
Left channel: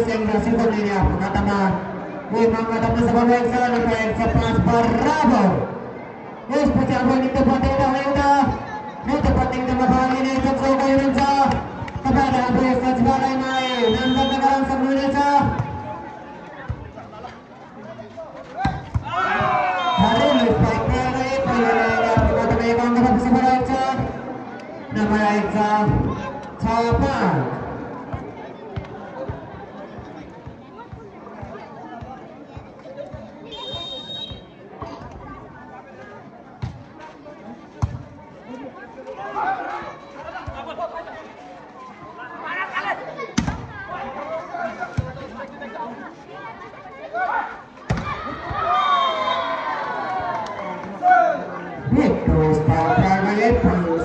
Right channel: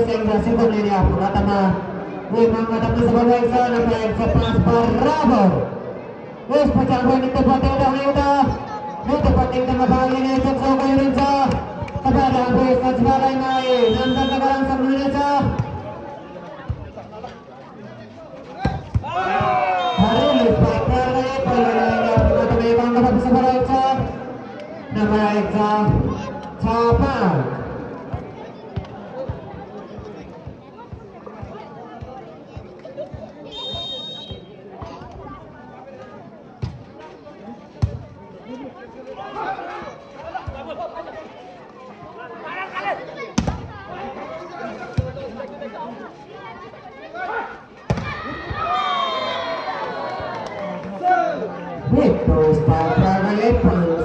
Sehingga sirkuit ini aku katakan memang katakan sebagai Eksa nomor Eksa pas berabar. Wes pecah poin itu penting dah udah. Itu penting sama bang ini sukses kau Indonesia. Kepada aku Eksa sebagai main nampak sekarang sebelum Indonesia. Hari ini baik baik pilihan aku katakan yang katakan sebagai Eksa nomor Eksa Capan.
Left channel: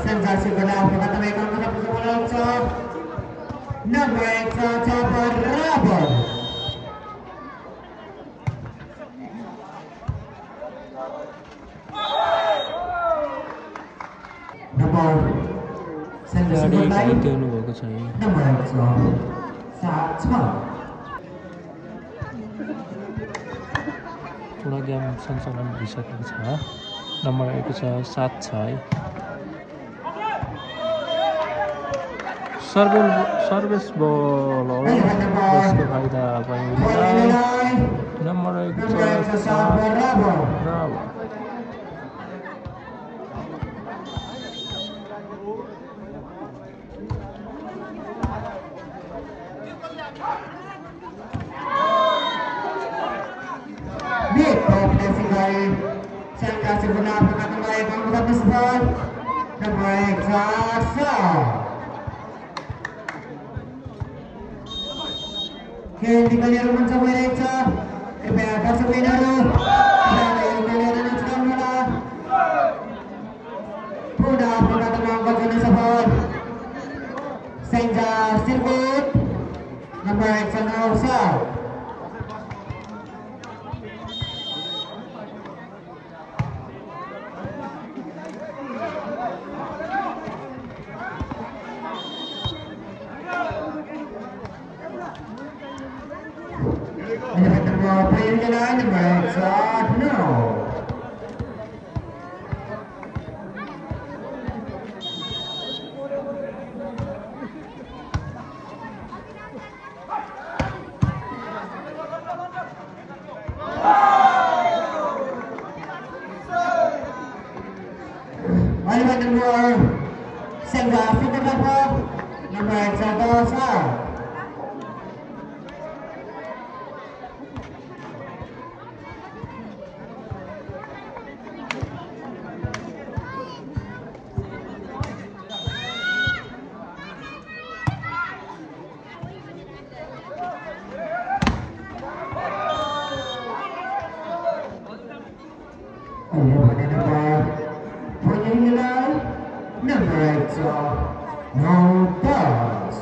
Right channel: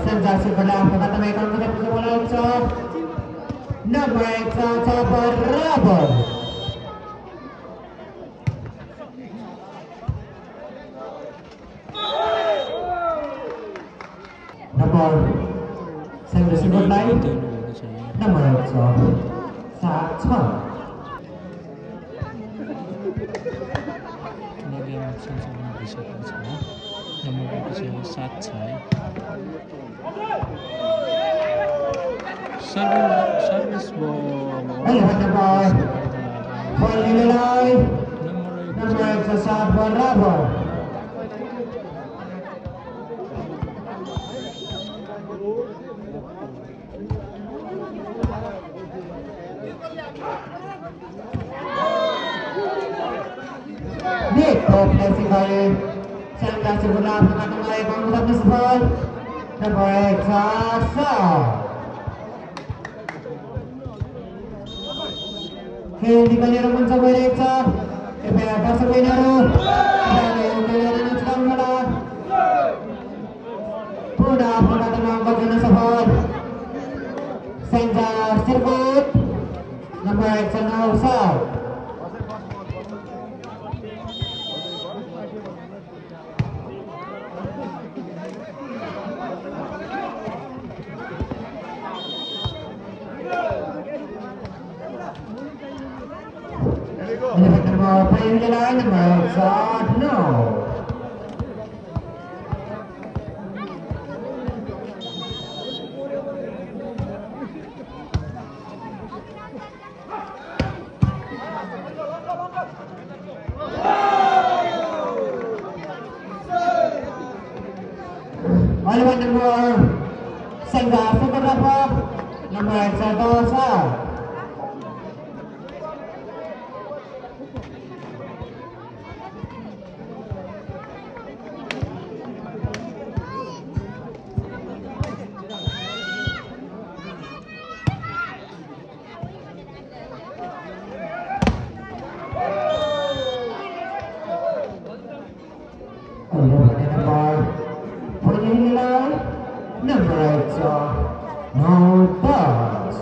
Sensasi bola kata mereka kata bola itu nama Eksa Cabar Rabon nomor sensasi bola itu nama Eksa Cabar kalau dia sama-sama bisa nomor Eksa Satsai service ball nomor Eksa Cabar Rabon Niko blessing kali saya kasih guna pengatur baik kamu tak bersebar Nomor 1 Sasa. खेल दिगनेर मन भइरहेको छ। कृपया दर्शक बहिनीहरू खेललाई चलाउनुहोला। पुनः आफ्नो बाटोमा अङ्क गर्न सफल सेन्जा सिरकोट नम्बर 1 छ Naushad. Number 1 no. Lawan nomor Sengga fotografer nomor 1 number 8 no pass.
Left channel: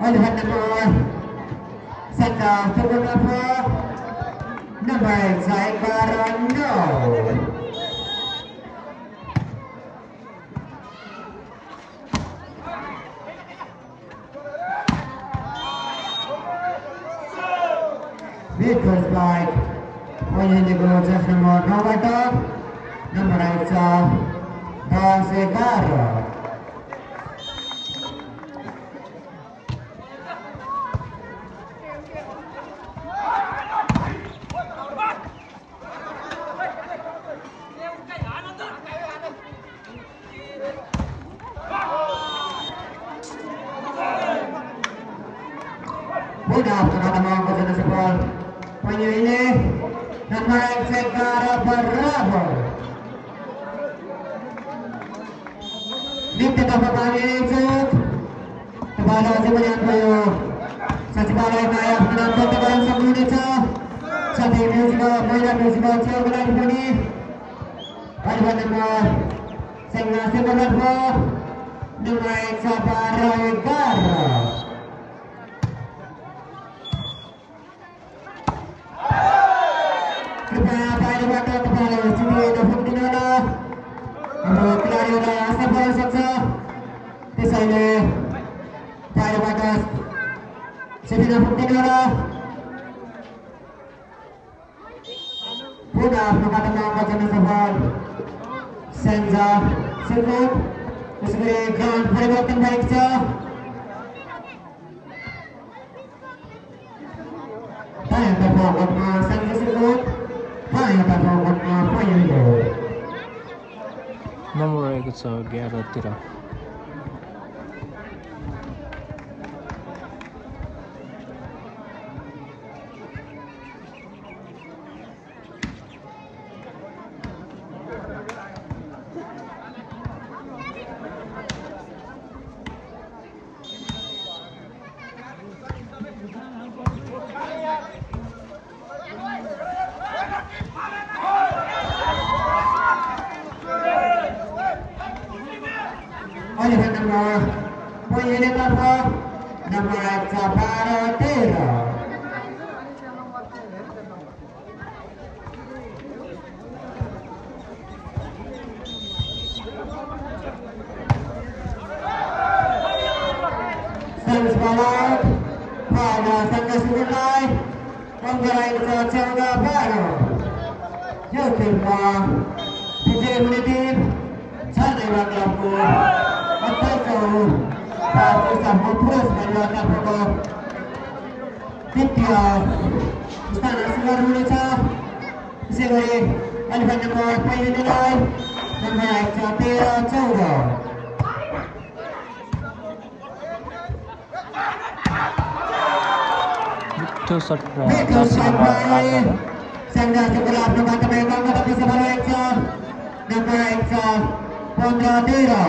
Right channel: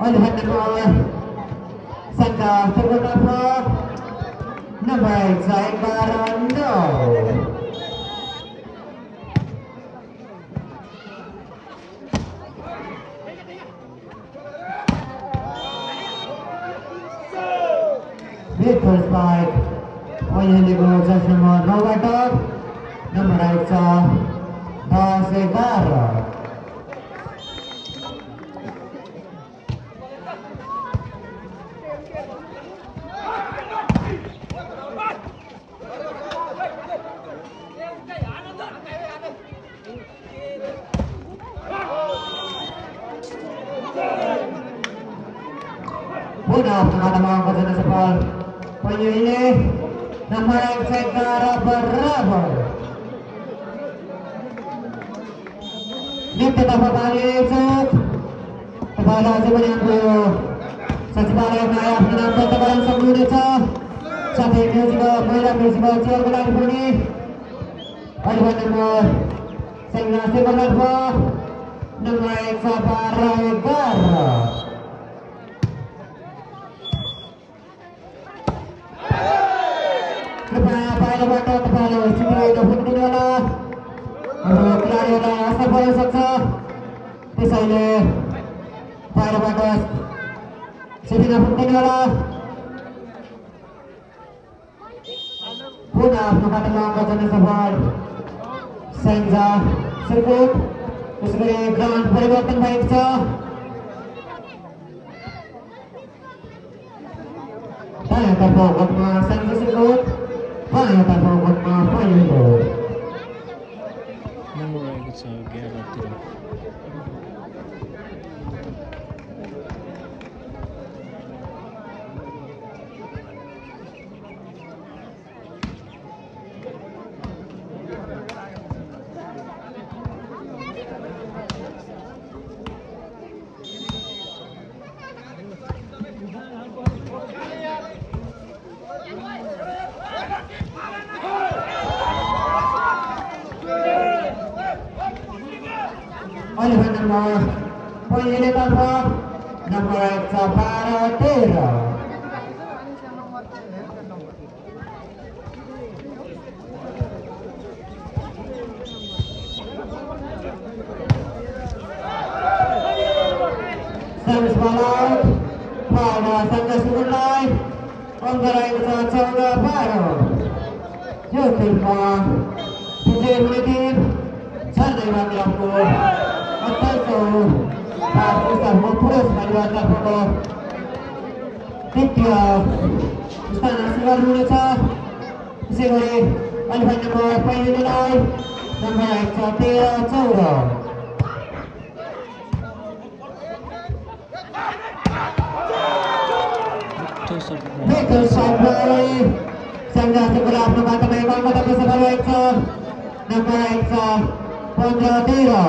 On the number Sangha photographer number 8 no. Vehicle spike. Pointing to just number number 8 Segara. Sudah terkadang angkat sepol. Poinnya ini nama Segara berabar. Di tengah kali cuk. Kepala sebanyak dua. Sesekali kaya menonton tekan sebelum itu. Saat ini juga mainan juga coba lagi poni. Paduan nomor Segara berabar. Nama Segara. कृपया बाहिरबाट तपाईहरु छिटो फुक्दिनु होला। हाम्रो खेलाडीहरुलाई असर पर्न सक्छ। त्यसैले बाहिरबाट छिटो फुक्दिनु होला। पुनः आफ्नो बाटोमा अङ्क गर्न सफल सेन्जा सिरकोट। त्यसैले ग्राउन्ड परिवर्तन भएको छ। दायाँतर्फ भोटमा सेन्जा सिरकोट। दायाँतर्फ भोटमा पहिलो नम्बर 1 छ 11 तिर। oleh nomor poin terakhir nomor 13. Service ball pada Sangga Sungai Anggaran Sangga Baru Jotin Bang Pijay Menitip Sardai Banglapur Atau Pakistan Mopus Majuatan Pokok Titya Istana Sugar Indonesia त्यसै गरी अलिफाइन नम्बर पहिलेलाई नम्बर आएको छ 13-14 Michael Samprai Sangga sebelah nomor terbang pada bersama Reksa nomor Reksa Pondra Tira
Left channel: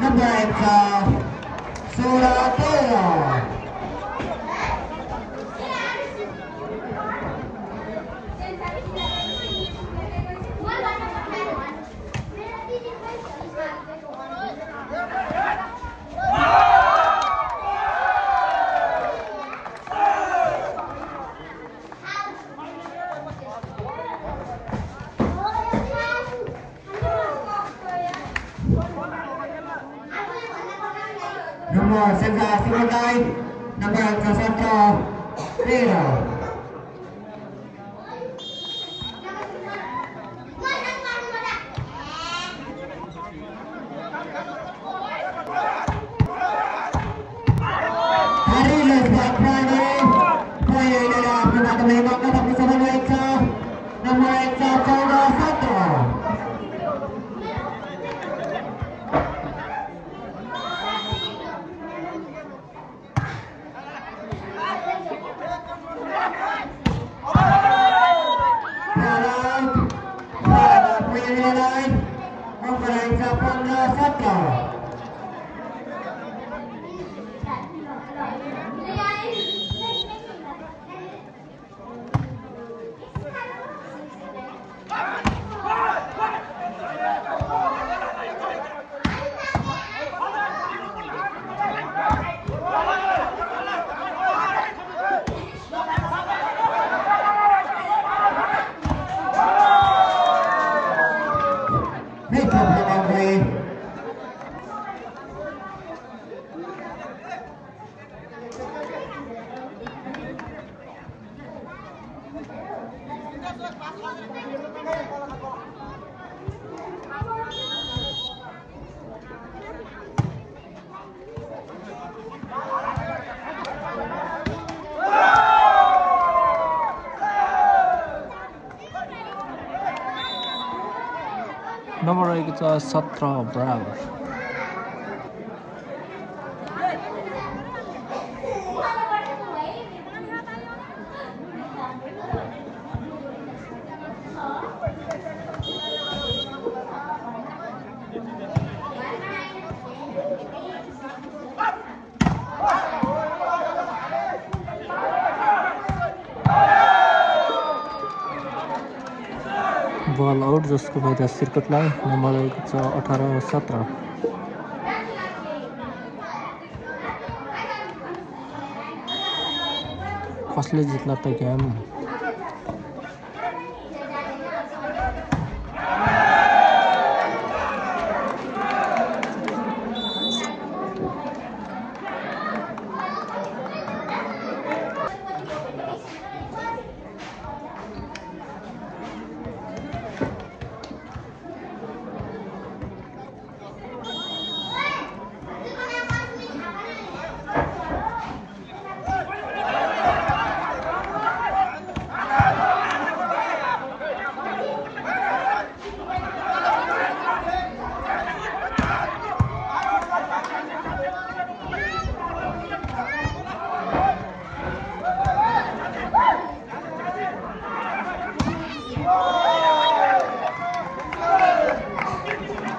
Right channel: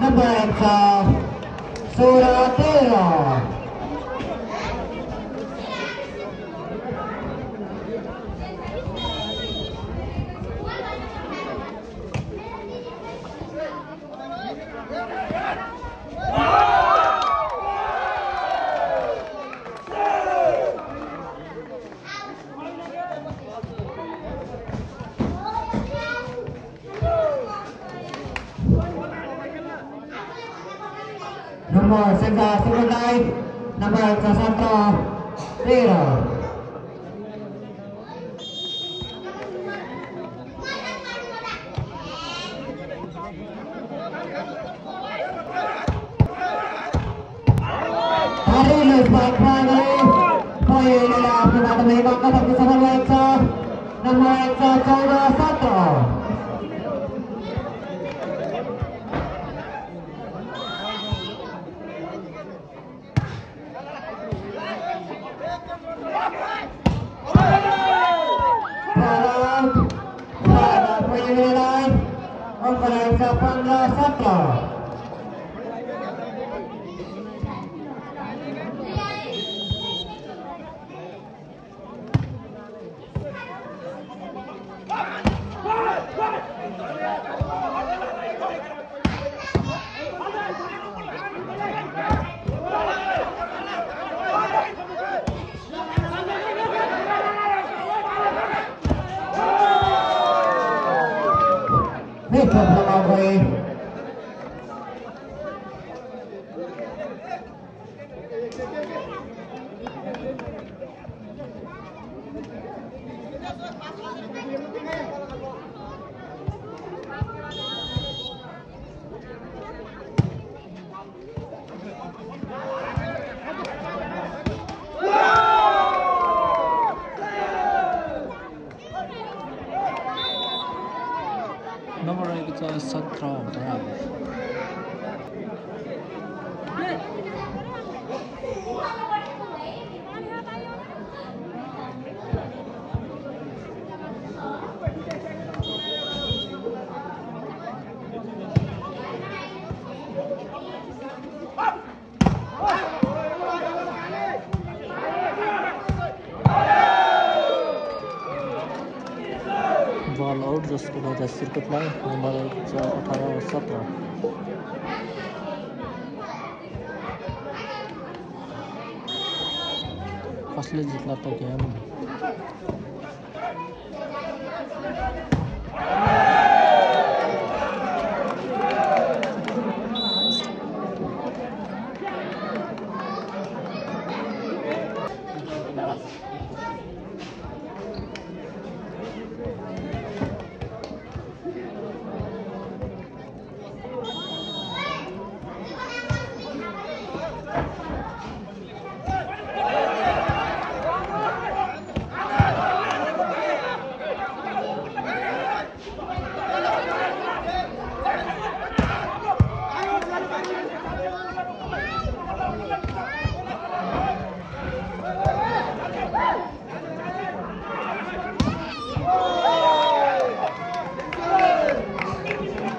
number Reksa Suratera nomor Sangga Sumatrai nomor Reksa Santro Tera hari lepas pada poin inilah penata memang kata bersama Reksa nomor Reksa 14-14 Reksa 15-14 number रहेको छ 17 बराबर बल out जसको मैदा सिर्कटलाई number रहेको छ 18-17 कसले जित्ला त game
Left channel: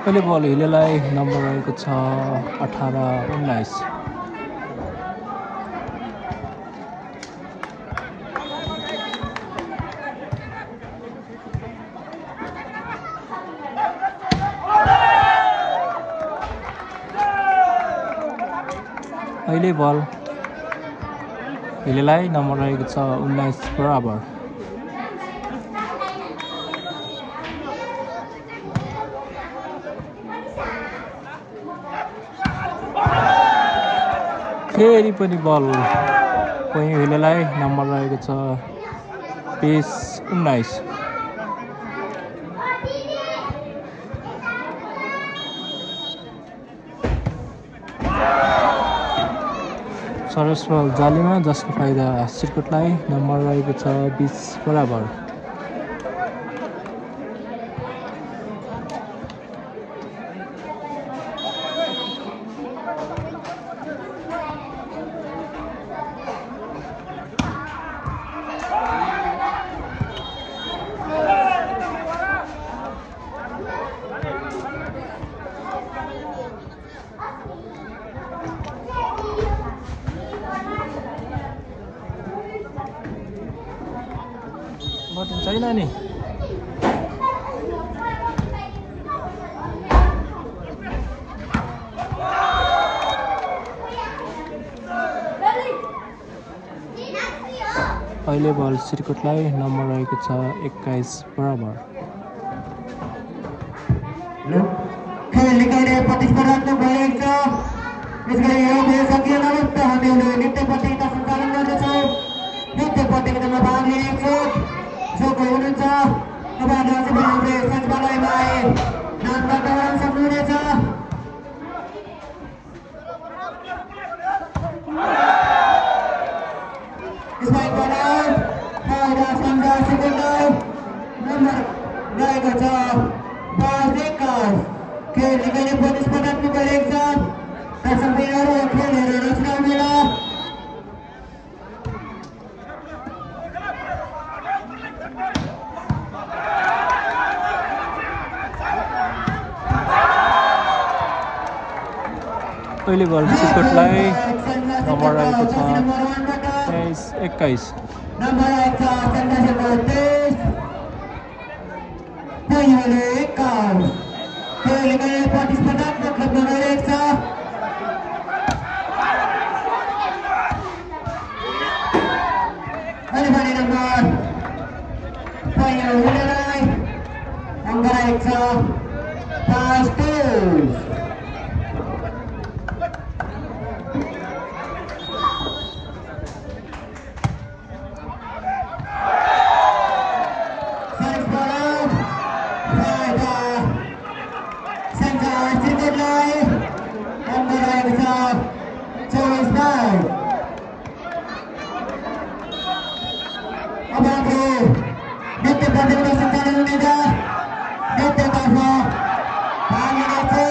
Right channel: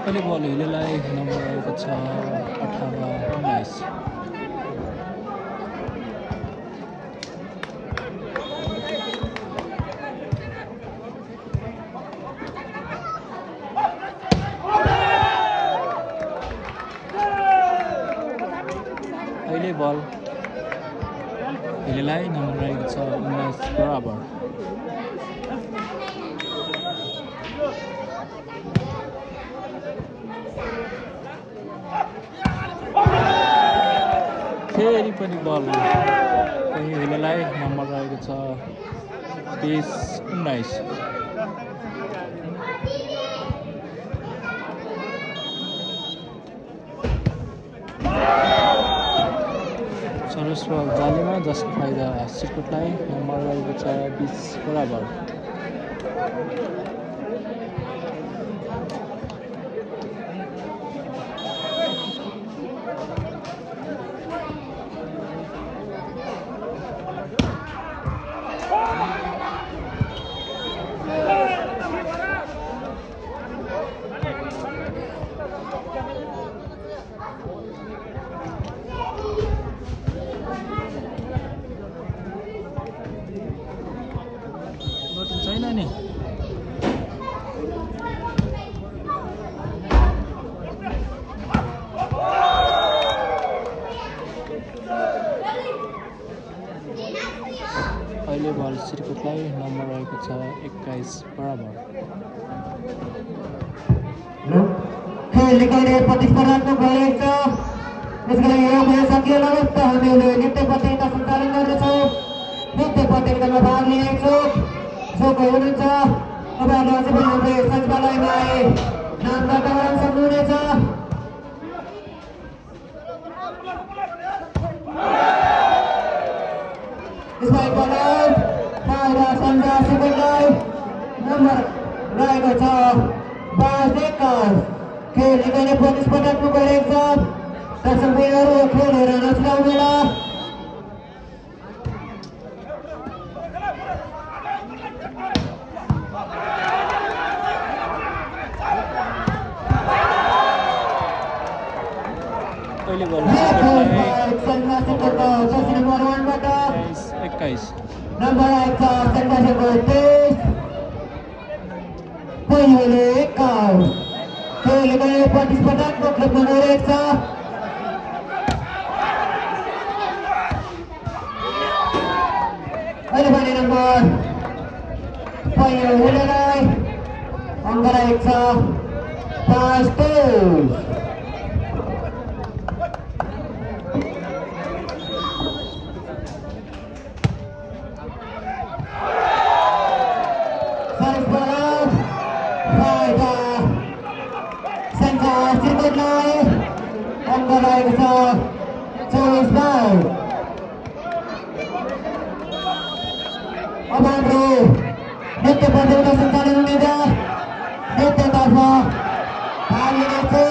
पहिले बल हिलेलाई number रहेको छ 18-19 अहिले बल हिलेलाई नम्बर रहेको छ 19 बराबर फेरि पनि बल पहिलेलाई नम्बर रहेको छ 20-19। सरस बल जालीमा जसको फाइदा सिर्कुटलाई नम्बर रहेको छ 20 बराबर। छैन नि अहिले बल सिर्कुटलाई नम्बर रहेको छ 21 बराबर। खेल निकाल्ने प्रतिस्पर्धात्मक भएको छ। यसले यो भेषकीय नृत्य हुनेले नृत्य प्रतियोगिता सञ्चालन गर्दछ। नृत्य प्रतियोगितामा भाग लिएको छ जो कोही हुनुहुन्छ तपाईँहरूले अझै पनि हाम्रो सचिवालयमा आए नाम दर्ता गराउन सक्नुहुनेछ। यसलाई बनाऊ फाइदा सन्ध्या सुकुललाई नम्बर रहेको छ 22-21। खेल निकाल्ने प्रतिस्पर्धात्मक भएको छ। दर्शकहरू खेल हेरेर नछुटाउनुहोला। पहिले बल सिर्कुटलाई नम्बर 1 बाट 21 नम्बर आएको छ सन्ध्याको 23 पहिलो 21। खेल गए प्रतिस्पर्धात्मक रूपमा रहेको छ। अहिले भने नम्बर पहिलो हुनेलाई अङ्क रहेको छ 5-2। नृत्य प्रतियोगिता सञ्चालन हुनेछ। नृत्यतर्फ भाग लिनेछु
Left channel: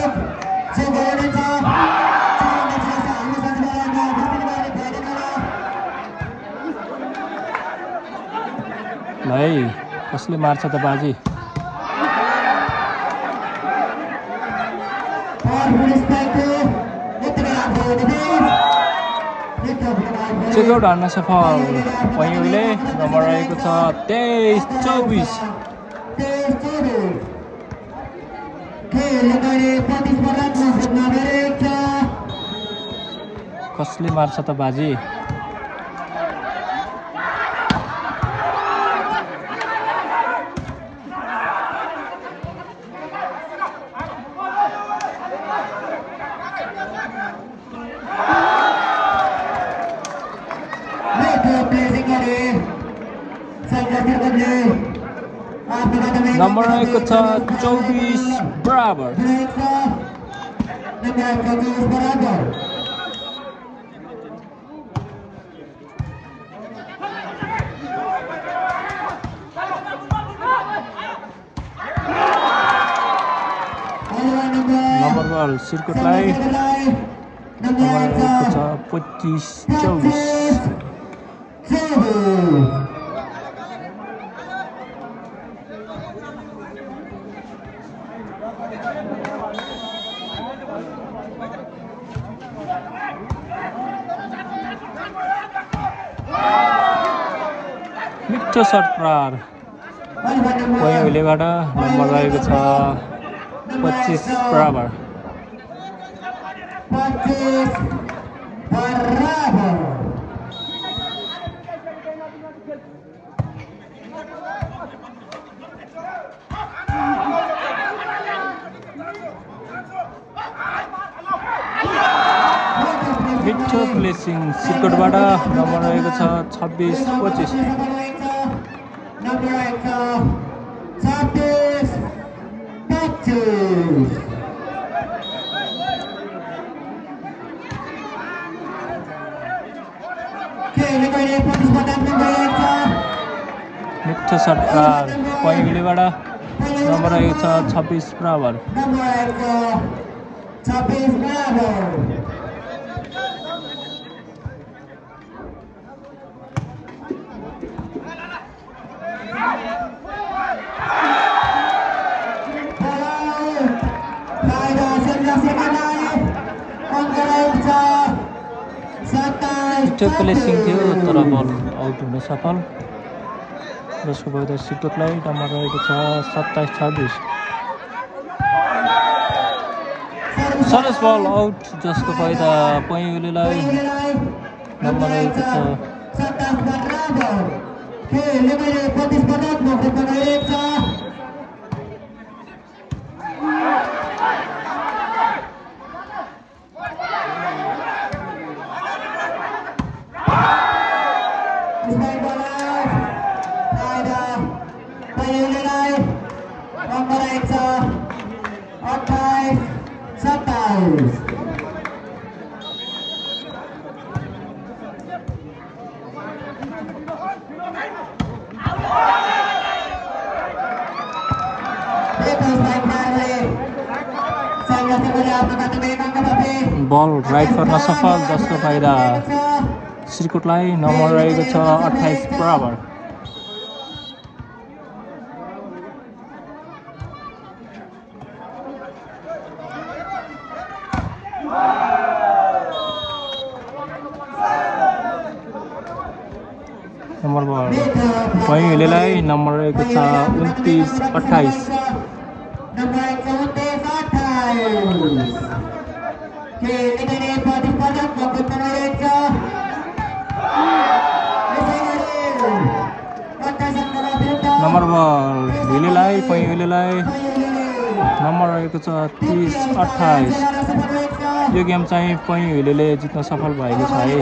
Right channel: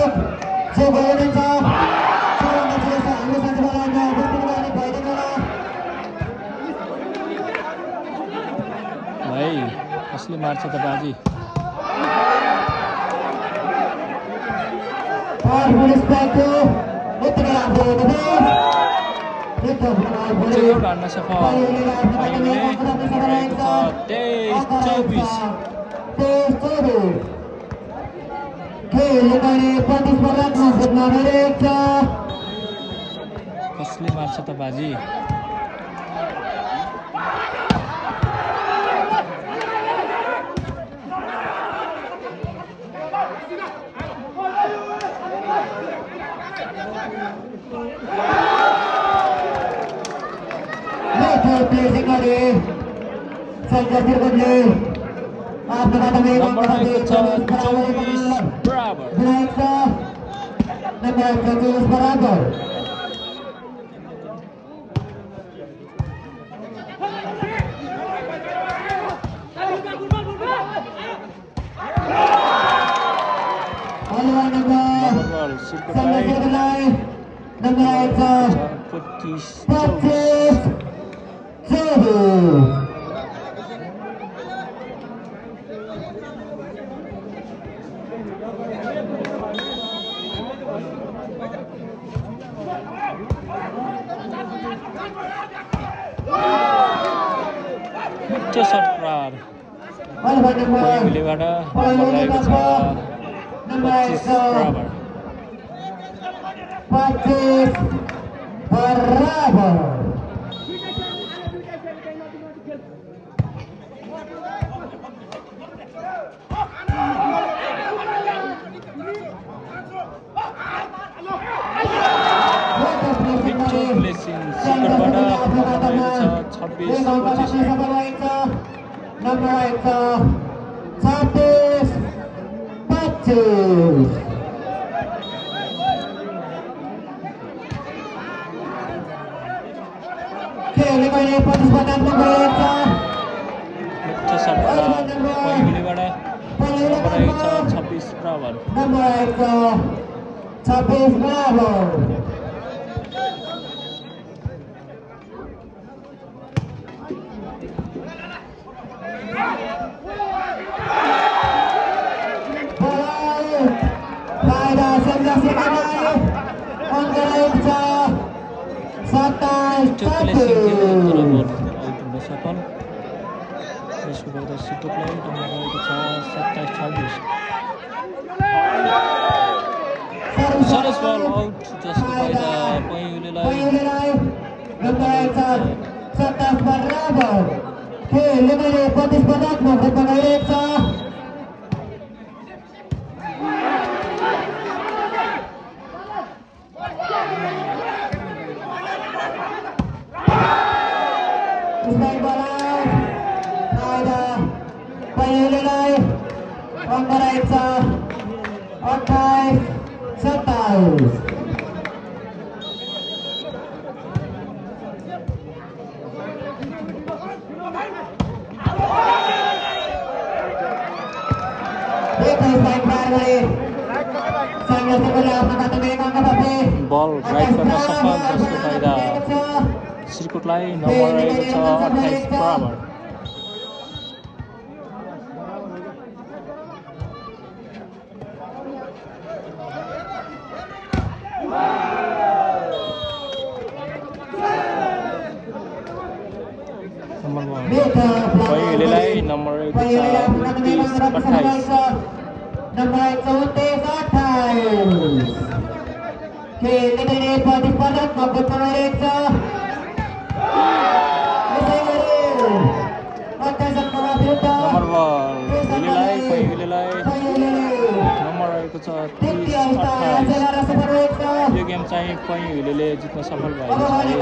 जो हुनुहुन्छ हाम्रो सचिवालयमा उपस्थित भइदिनु भाइ कसले मार्छ त बाजी। चेकआउट हान्न सफल पहिलोले नम्बर रहेको छ 23-24। कसले मार्छ त बाजी। नम्बर रहेको छ 24 बराबर। नम्बर सिर्कुटलाई नम्बर रहेको छ 25-24। मिठो सर्ट प्रहार पहिलेबाट नम्बर रहेको छ 25 बराबर। भिक्टर प्लेसिङ सिकटबाट नम्बर रहेको छ 26-25। नम्बर रहेको छ 26-25। खेलले गएर प्रतिस्पर्धा गरेको मिठो सट्टा पहिलेबाट नम्बर रहेको छ 26 बराबर। नम्बर रहेको 26 बराबर। भिक्टर प्लेसिङ थियो तर बल आउट हुन सफल। यसको बाद सिकटलाई नम्बर रहेको छ 27-26। सरस बल आउट जसको फाइदा पैँलेलाई। नम्बर रहेको छ 27 बराबर। खेलले गएर प्रतिस्पर्धात्मक रूपमा गइरहेको छ। नम्बर रहेको छ 28-27। बल राइट गर्न सफल जसको फाइदा श्रीकोटलाई। नम्बर रहेको छ 28 बराबर। नम्बर पहिलेलाई नम्बर रहेको छ 29-28। नम्बर रहेको 29-28। खेलले गएर प्रतिस्पर्धात्मक रूपमा गइरहेको छ। नम्बर पहिलेलाई नम्बर रहेको छ 30-28। यो गेम चाहिँ पहिलेले जित्न सफल भएको छ है।